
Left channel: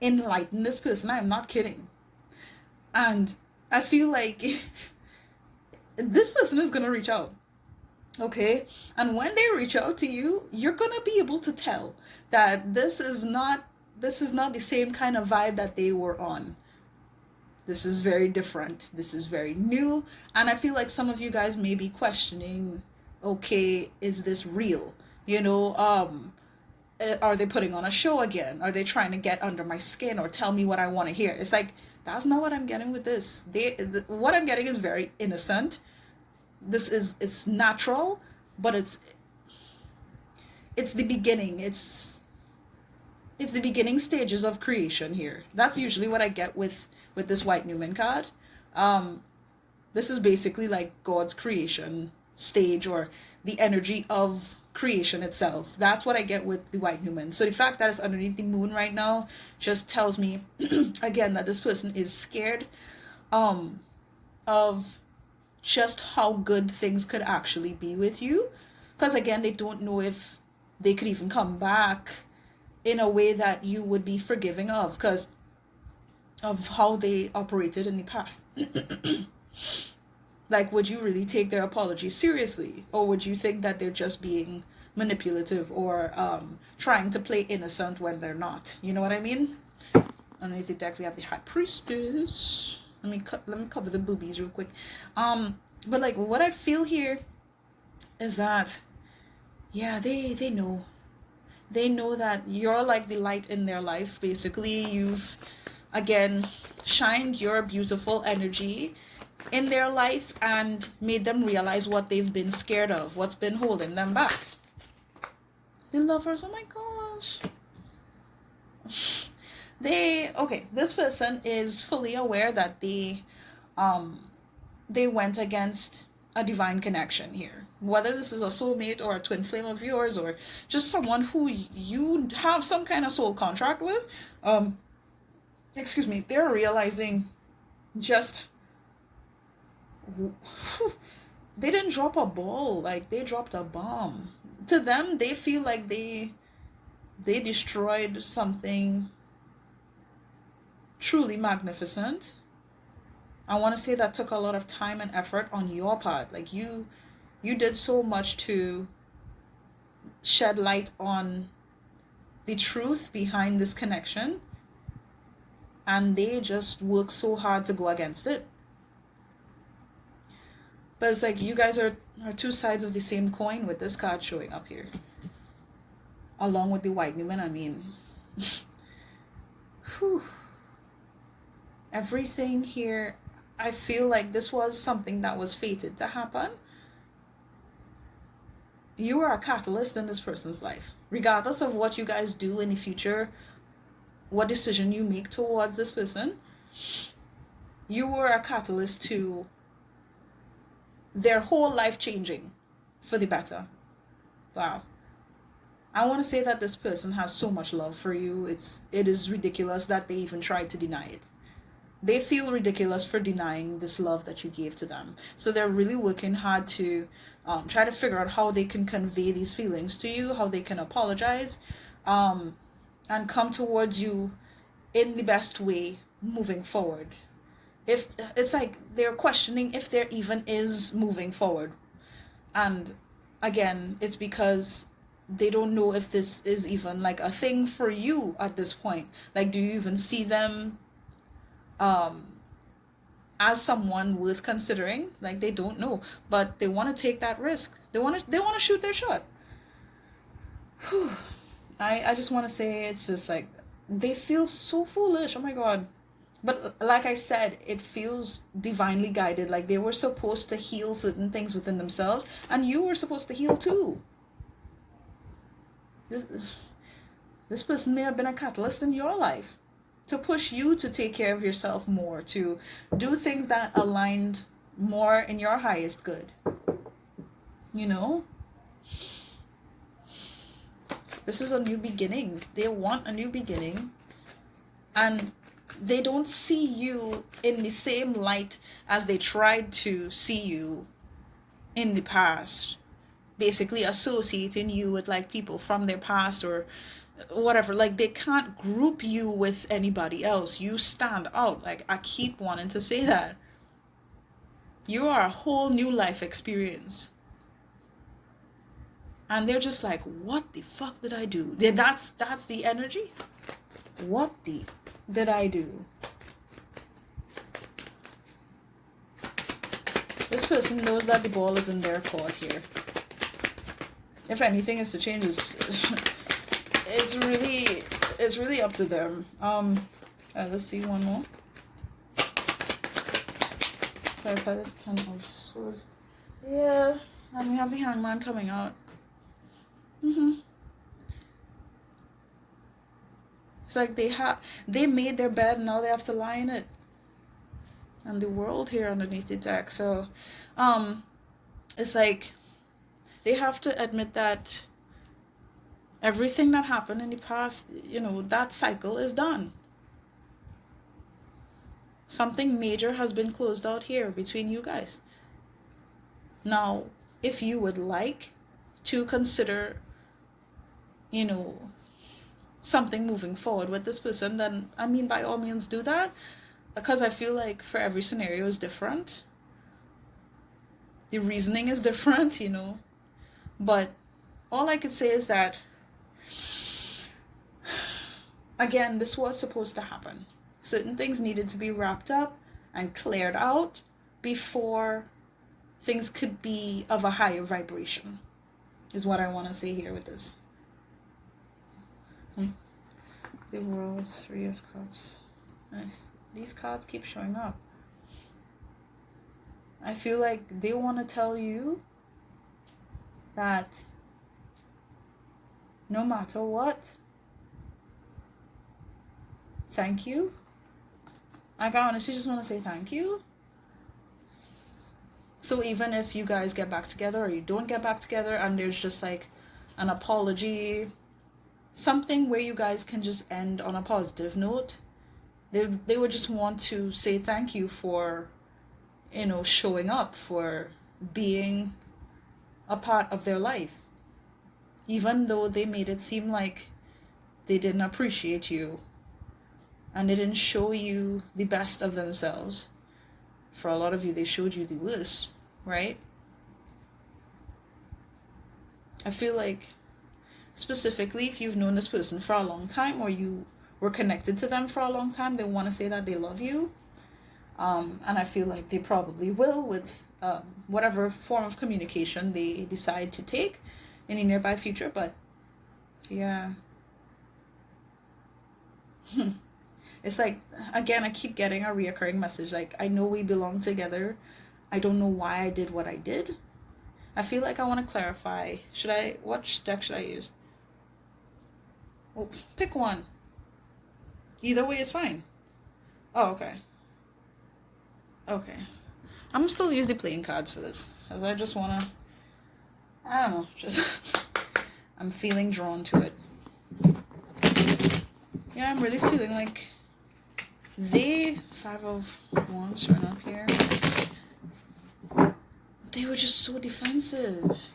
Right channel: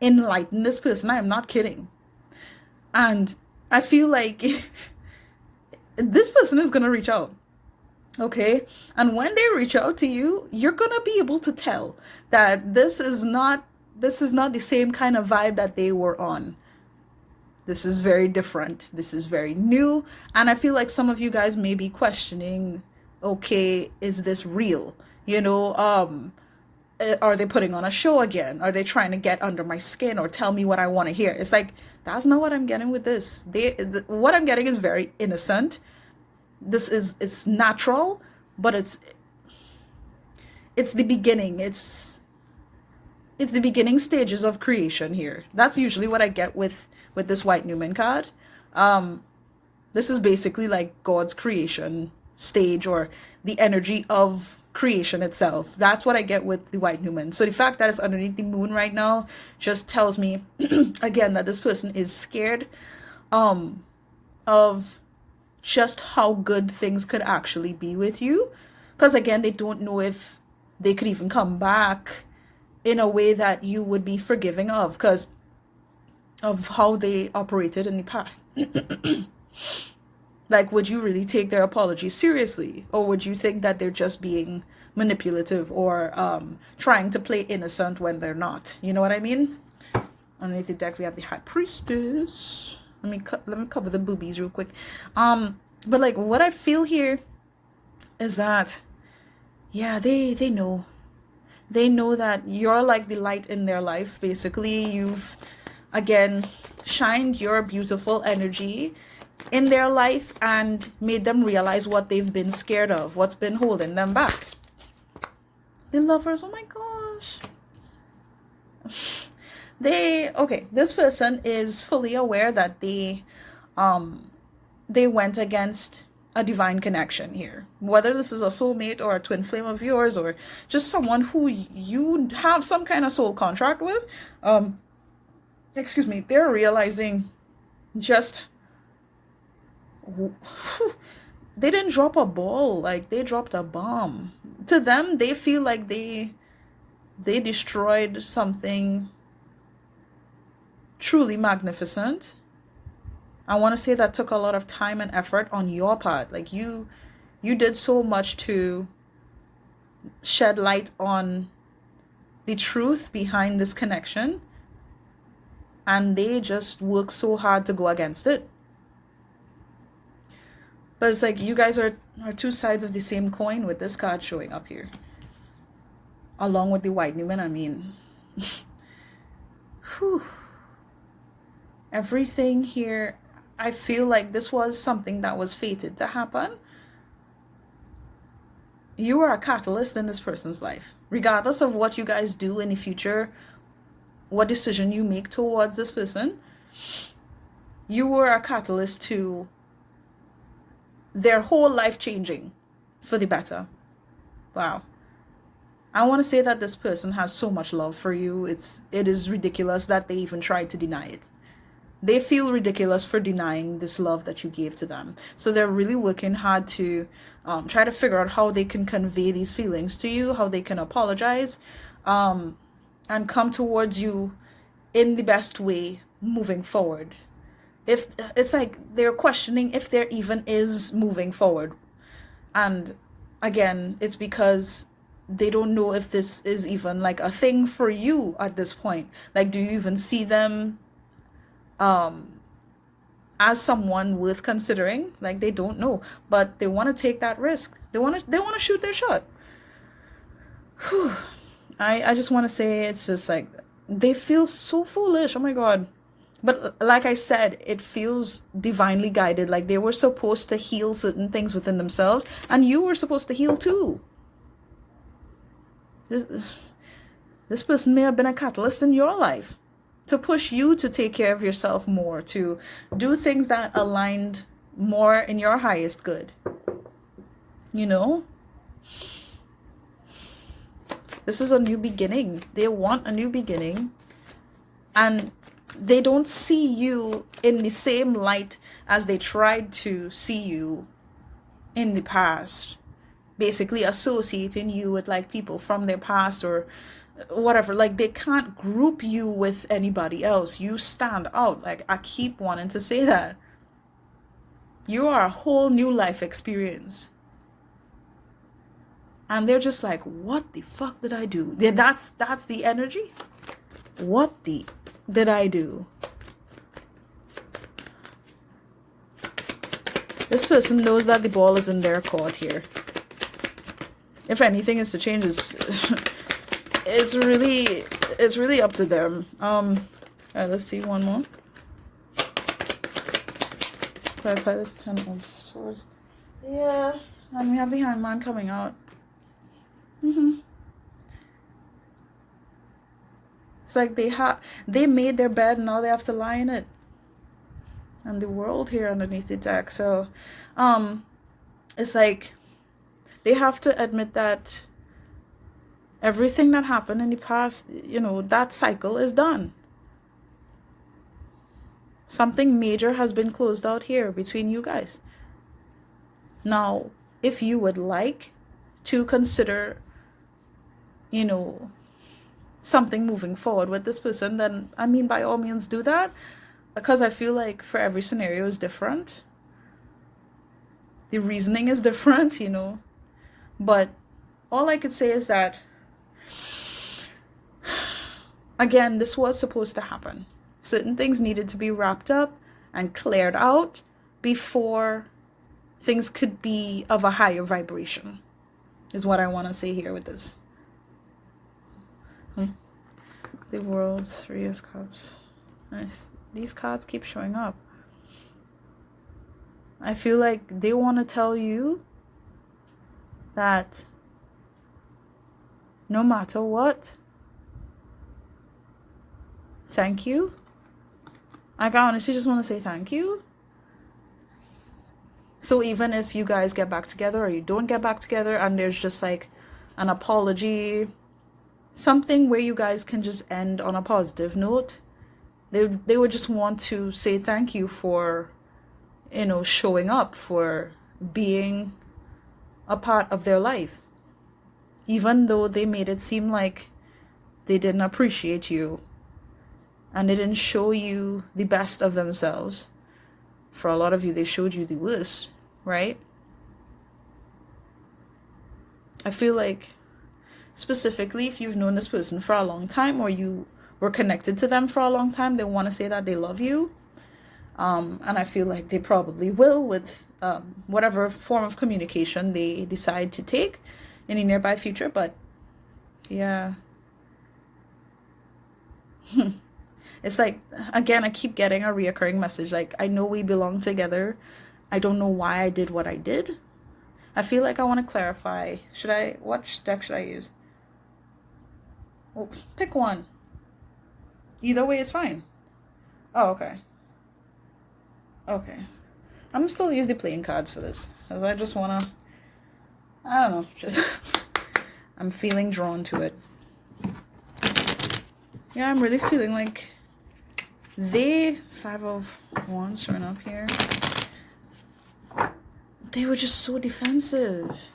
enlightened this person, I am not kidding. And I feel like this person is going to reach out. Okay? And when they reach out to you, you're going to be able to tell that this is not the same kind of vibe that they were on. This is very different. This is very new. And I feel like some of you guys may be questioning, okay, is this real? You know, are they putting on a show again? Are they trying to get under my skin or tell me what I want to hear? It's like, that's not what I'm getting with this. What I'm getting is very innocent. It's natural, but it's the beginning. It's the beginning stages of creation here. That's usually what I get with this White Newman card. This is basically like God's creation stage, or the energy of creation itself. That's what I get with the White Newman. So the fact that it's underneath the moon right now just tells me again that this person is scared of just how good things could actually be with you, because again, they don't know if they could even come back in a way that you would be forgiving of, because of how they operated in the past. Like, would you really take their apology seriously? Or would you think that they're just being manipulative or trying to play innocent when they're not? You know what I mean? Underneath the deck, we have the High Priestess. Let me cover the boobies real quick. But like, what I feel here is that, yeah, they know. They know that you're like the light in their life. Basically, you've, again, shined your beautiful energy in their life and made them realize what they've been scared of, what's been holding them back. The Lovers, oh my gosh. This person is fully aware that they went against a divine connection here. Whether this is a soulmate or a twin flame of yours or just someone who you have some kind of soul contract with, they're realizing just they didn't drop a ball, like they dropped a bomb. To them, they feel like they destroyed something truly magnificent. I want to say that took a lot of time and effort on your part. Like you did so much to shed light on the truth behind this connection, and they just worked so hard to go against it. But it's like you guys are two sides of the same coin with this card showing up here. Along with the White Newman, I mean. Whew. Everything here, I feel like this was something that was fated to happen. You are a catalyst in this person's life. Regardless of what you guys do in the future, what decision you make towards this person, you were a catalyst to their whole life changing for the better. Wow. I want to say that this person has so much love for you. It is ridiculous that they even tried to deny it. They feel ridiculous for denying this love that you gave to them. So they're really working hard to try to figure out how they can convey these feelings to you, how they can apologize, and come towards you in the best way moving forward. If it's like they're questioning if there even is moving forward. And again, it's because they don't know if this is even like a thing for you at this point. Like, do you even see them as someone worth considering? Like, they don't know, but they want to take that risk. They want to shoot their shot. Whew. I just want to say, it's just like they feel so foolish. Oh my god. But like I said, it feels divinely guided. Like they were supposed to heal certain things within themselves, and you were supposed to heal too. This person may have been a catalyst in your life to push you to take care of yourself more, to do things that aligned more in your highest good. You know? This is a new beginning. They want a new beginning. And they don't see you in the same light as they tried to see you in the past. Basically associating you with like people from their past or whatever. Like they can't group you with anybody else. You stand out. Like I keep wanting to say that. You are a whole new life experience. And they're just like, what the fuck did I do? That's the energy. What the did I do? This person knows that the ball is in their court here. If anything is to change, it's really up to them. Alright, let's see one more. Clarify this 10 of swords. Yeah, and we have the hangman coming out. It's like they made their bed and now they have to lie in it. And the world here underneath the deck. So it's like they have to admit that everything that happened in the past, you know, that cycle is done. Something major has been closed out here between you guys. Now, if you would like to consider, you know, something moving forward with this person, then I mean, by all means do that, because I feel like for every scenario is different. The reasoning is different, you know, but all I could say is that, again, this was supposed to happen. Certain things needed to be wrapped up and cleared out before things could be of a higher vibration, is what I want to say here with this. The World, 3 of Cups. Nice. These cards keep showing up. I feel like they want to tell you that no matter what, thank you. I honestly just want to say thank you. So even if you guys get back together or you don't get back together and there's just like an apology, something where you guys can just end on a positive note, they would just want to say thank you for, you know, showing up, for being a part of their life. Even though they made it seem like they didn't appreciate you and they didn't show you the best of themselves. For a lot of you, they showed you the worst, right? I feel like, specifically, if you've known this person for a long time or you were connected to them for a long time, they want to say that they love you. And I feel like they probably will with whatever form of communication they decide to take in the nearby future. But yeah. It's like, again, I keep getting a reoccurring message. Like, I know we belong together. I don't know why I did what I did. I feel like I want to clarify. What deck should I use? Oh, pick one. Either way is fine. Oh, okay. Okay. I'm still use the playing cards for this. Because I just want to, I don't know, just, I'm feeling drawn to it. Yeah, I'm really feeling like they, 5 of Wands showing up here. they were just so defensive.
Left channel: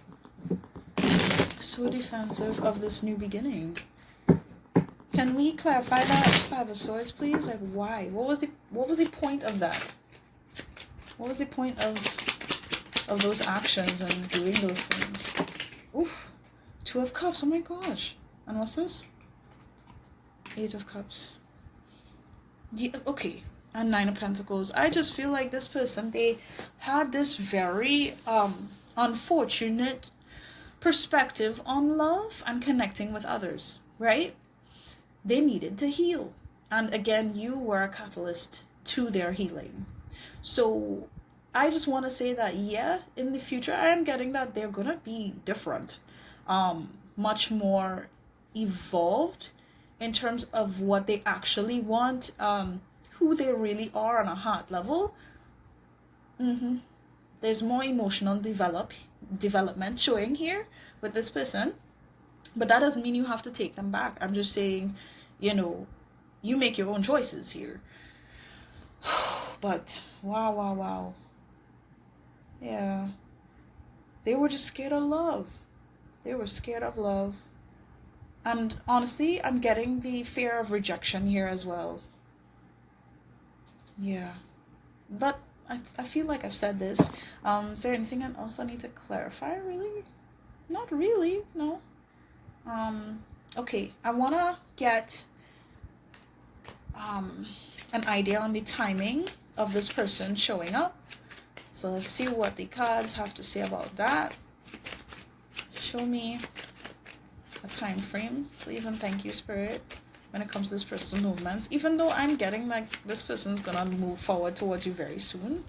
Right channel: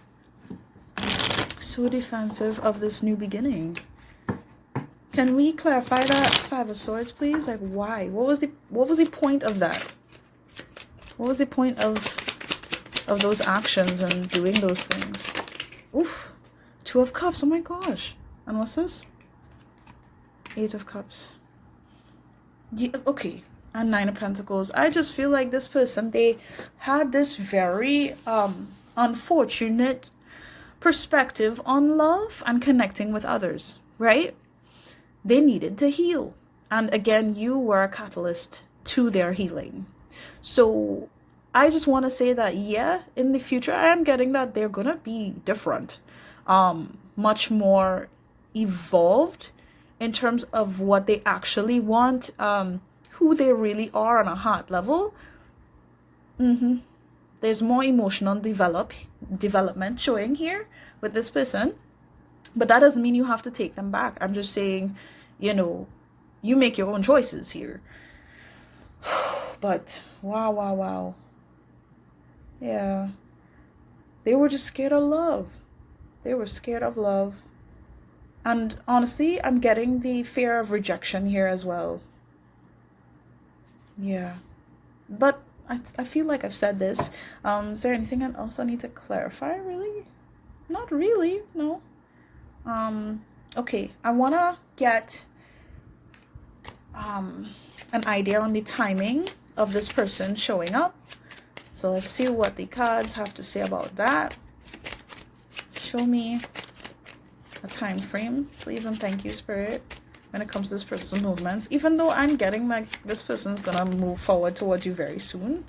So defensive of this new beginning. Can we clarify that Five of Swords, please? Like, why? What was the point of that? What was the point of those actions and doing those things? Oof. Two of Cups. Oh my gosh. And what's this? Eight of Cups. Yeah, okay. And Nine of Pentacles. I just feel like this person, they had this very unfortunate perspective on love and connecting with others, right? They needed to heal. And again, you were a catalyst to their healing. So I just want to say that, yeah, in the future, I am getting that they're going to be different. Much more evolved in terms of what they actually want, who they really are on a heart level. There's more emotional development showing here with this person. But that doesn't mean you have to take them back. I'm just saying, you know, you make your own choices here. But wow. Yeah. They were just scared of love. They were scared of love. And honestly, I'm getting the fear of rejection here as well. Yeah. But I feel like I've said this. Is there anything else I need to clarify, really? Not really, no. Okay, I want to get an idea on the timing of this person showing up. So let's see what the cards have to say about that. Show me a time frame, please, and thank you, Spirit, when it comes to this person's movements. Even though I'm getting like this person's gonna move forward towards you very soon.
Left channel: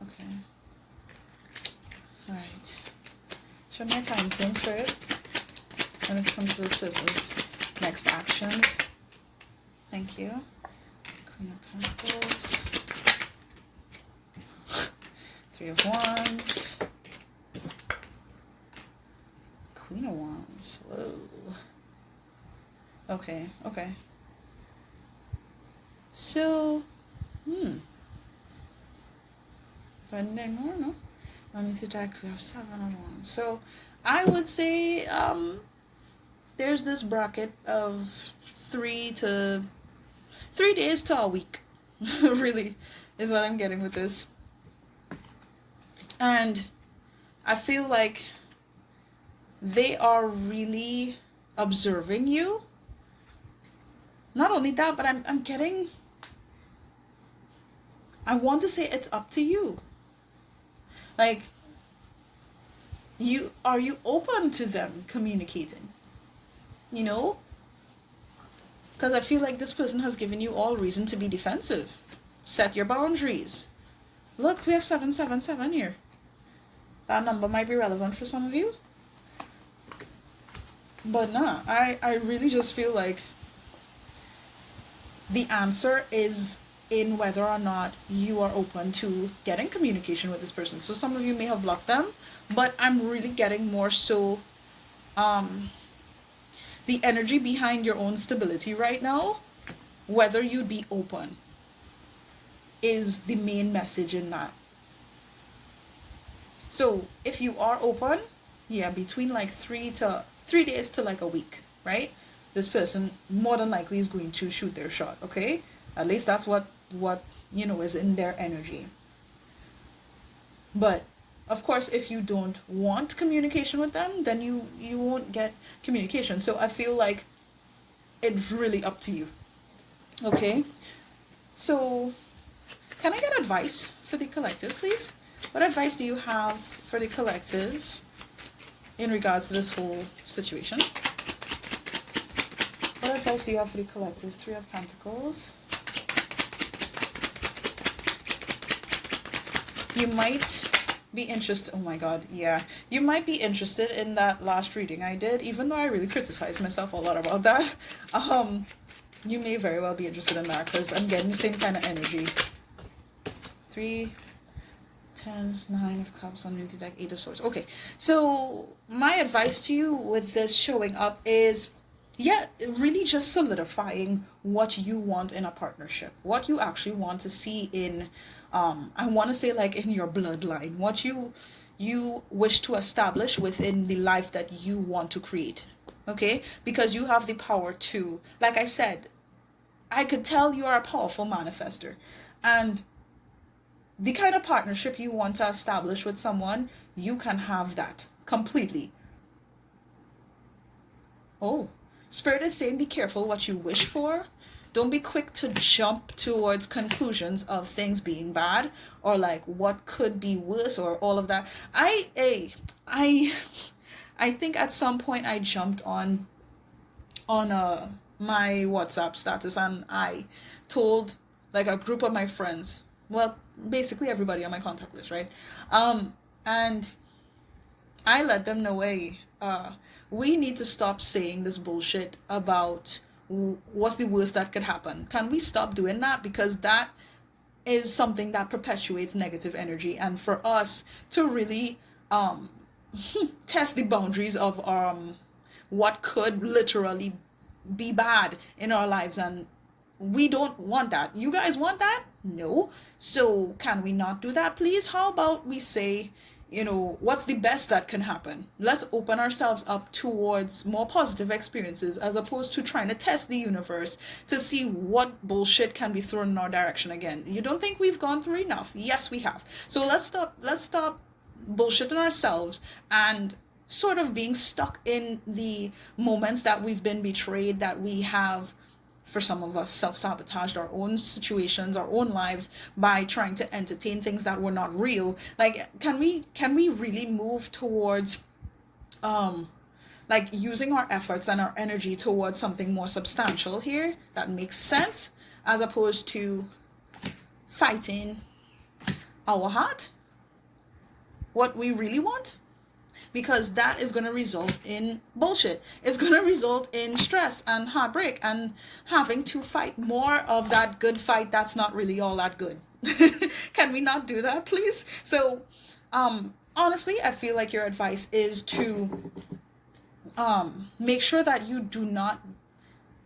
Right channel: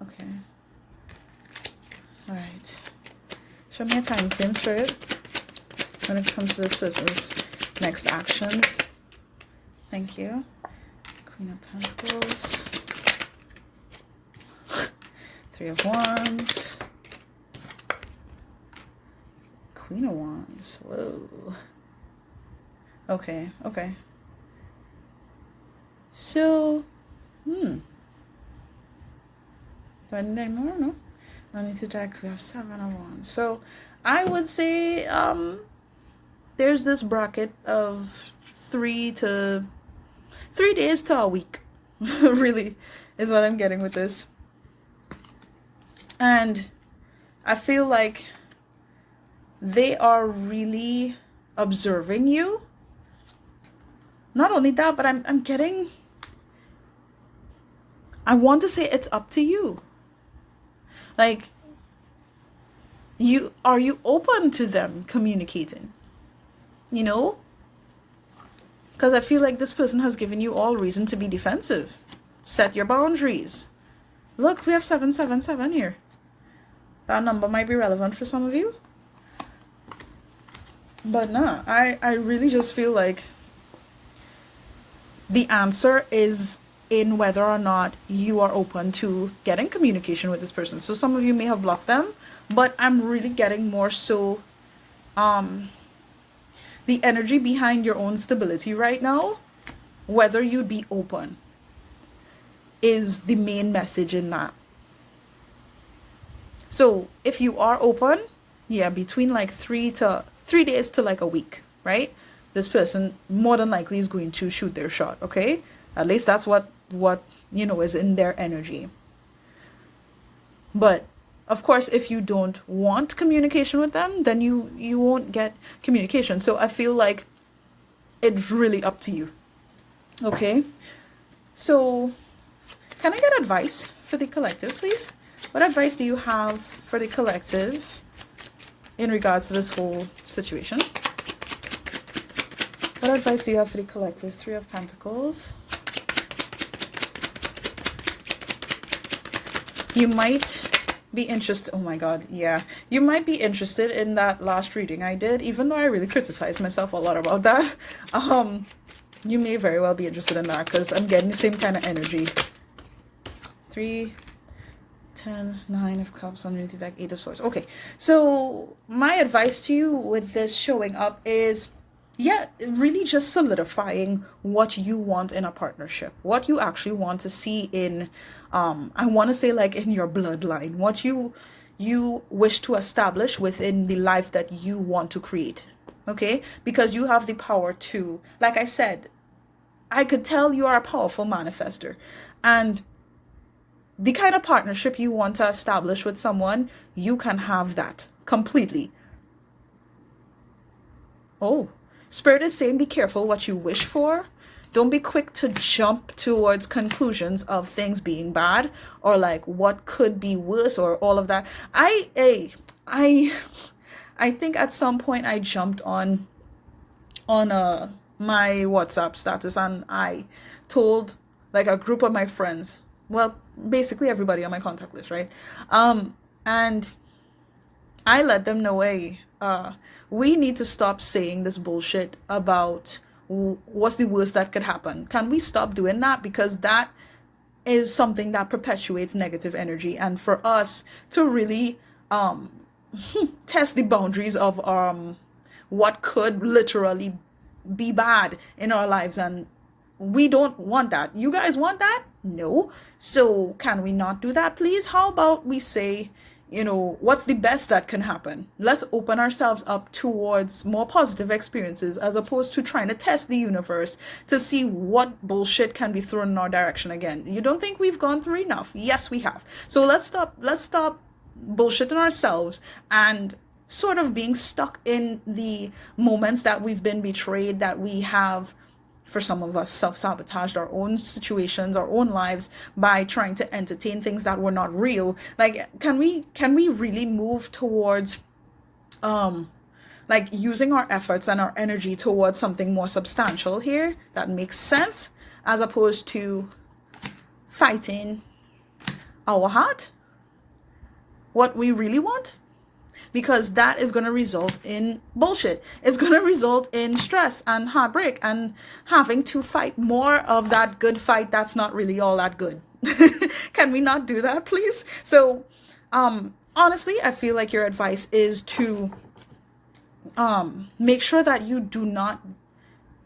Okay. All right. Show me a time frame, Spirit, when it comes to this person's next actions. Thank you. Queen of Pentacles. Three of Wands. Queen of Wands. Whoa. Okay. So, do I need any more? No. I need to deck. We have Seven of Wands. So, I would say there's this bracket of 3 days to a week. Really, is what I'm getting with this. And I feel like they are really observing you. Not only that, but I'm getting, I want to say it's up to you. Like, are you open to them communicating? You know? Because I feel like this person has given you all reason to be defensive. Set your boundaries. Look, we have 777 here. That number might be relevant for some of you. But nah, I really just feel like the answer is in whether or not you are open to getting communication with this person. So some of you may have blocked them, but I'm really getting more so the energy behind your own stability right now, whether you'd be open, is the main message in that. So if you are open, yeah, between like 3 days to like a week, right? This person more than likely is going to shoot their shot, okay? At least that's what you know is in their energy. But of course, if you don't want communication with them, then you won't get communication. So I feel like it's really up to you. Okay? So can I get advice for the collective, please? What advice do you have for the collective in regards to this whole situation? What advice do you have for the collective? Three of Pentacles. You might be interested. Oh my God, yeah. You might be interested in that last reading I did, even though I really criticized myself a lot about that. You may very well be interested in that because I'm getting the same kind of energy. 3, 10, 9 of Cups, underneath the deck, 8 of Swords. Okay, so my advice to you with this showing up is yeah, really just solidifying what you want in a partnership, what you actually want to see in, I want to say like in your bloodline, what you wish to establish within the life that you want to create. Okay, because you have the power to, like I said, I could tell you are a powerful manifester, and the kind of partnership you want to establish with someone, you can have that completely. Oh, Spirit is saying be careful what you wish for. Don't be quick to jump towards conclusions of things being bad or like what could be worse or all of that. I I think at some point I jumped on my WhatsApp status, and I told like a group of my friends, well, basically everybody on my contact list, right? And I let them know, hey, we need to stop saying this bullshit about what's the worst that could happen. Can we stop doing that? Because that is something that perpetuates negative energy. And for us to really test the boundaries of what could literally be bad in our lives, and we don't want that. You guys want that? No. So can we not do that, please? How about we say, what's the best that can happen? Let's open ourselves up towards more positive experiences as opposed to trying to test the universe to see what bullshit can be thrown in our direction again. You don't think we've gone through enough? Yes, we have. So let's stop bullshitting ourselves and sort of being stuck in the moments that we've been betrayed, that we have, for some of us, self-sabotaged our own situations, our own lives by trying to entertain things that were not real. Like, can we really move towards like using our efforts and our energy towards something more substantial here that makes sense, as opposed to fighting our heart, what we really want? Because that is going to result in bullshit. It's going to result in stress and heartbreak and having to fight more of that good fight that's not really all that good. Can we not do that, please? So honestly, I feel like your advice is to make sure that you do not,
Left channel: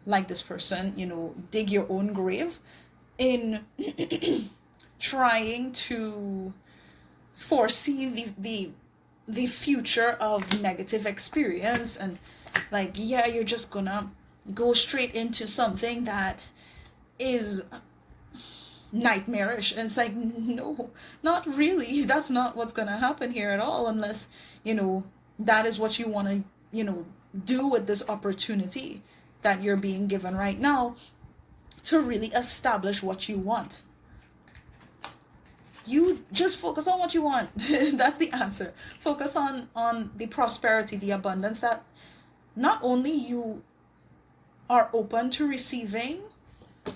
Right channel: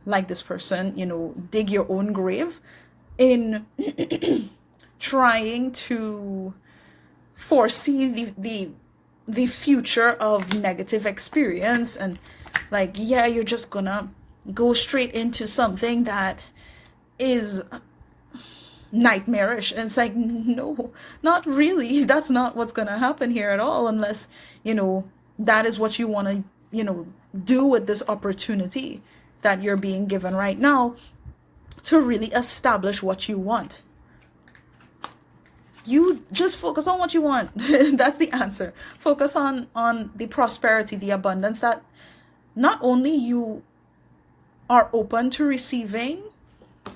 like this person, dig your own grave in trying to foresee the future of negative experience, and like, yeah, you're just gonna go straight into something that is nightmarish. And it's like, no, not really. That's not what's gonna happen here at all, unless that is what you want to do with this opportunity that you're being given right now to really establish what you want. You just focus on what you want. That's the answer. Focus on the prosperity, the abundance that not only you are open to receiving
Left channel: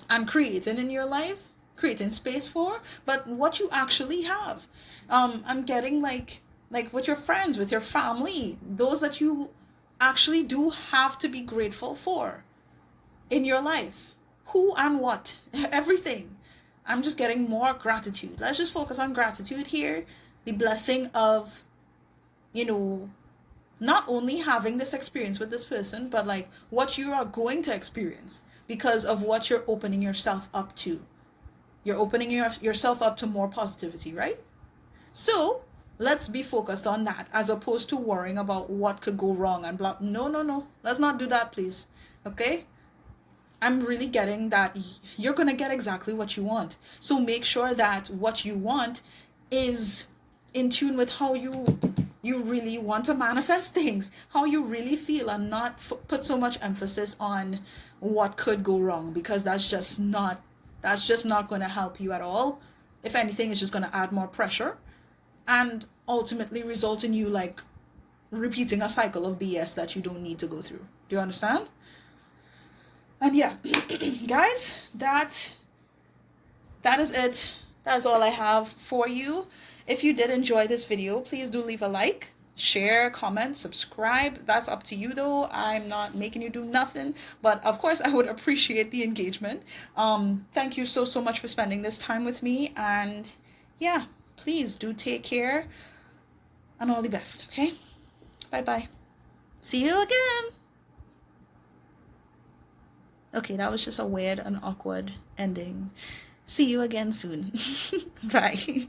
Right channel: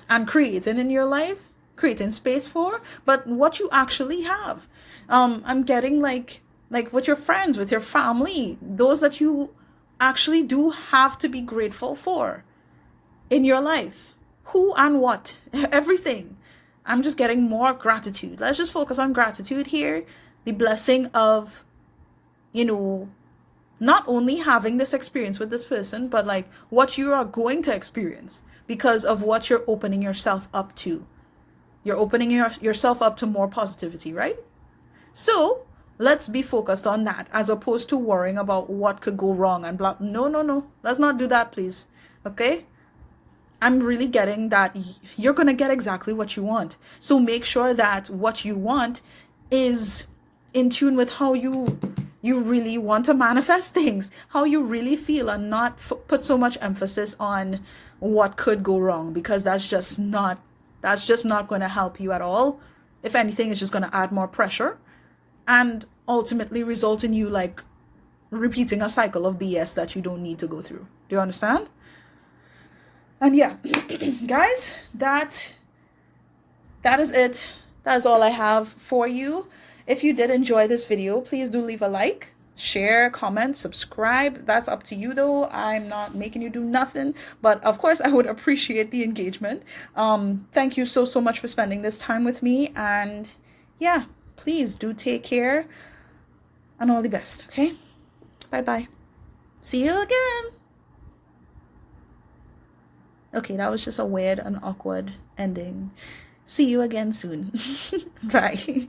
and creating in your life, creating space for, but what you actually have. I'm getting like with your friends, with your family, those that you actually do have to be grateful for in your life. Who and what? Everything. I'm just getting more gratitude. Let's just focus on gratitude here. The blessing of, not only having this experience with this person, but like what you are going to experience because of what you're opening yourself up to. You're opening yourself up to more positivity, right? So let's be focused on that as opposed to worrying about what could go wrong and blah. No. Let's not do that, please. Okay? I'm really getting that you're going to get exactly what you want. So make sure that what you want is in tune with how you really want to manifest things, how you really feel, and not put so much emphasis on what could go wrong, because that's just not going to help you at all. If anything, it's just going to add more pressure and ultimately result in you like repeating a cycle of BS that you don't need to go through. Do you understand? And yeah, guys, that is it. That is all I have for you. If you did enjoy this video, please do leave a like, share, comment, subscribe. That's up to you though. I'm not making you do nothing, but of course I would appreciate the engagement. Thank you so much for spending this time with me, and yeah, please do take care and all the best. Okay, bye. See you again. Okay, that was just a weird and awkward ending. See you again soon. Bye.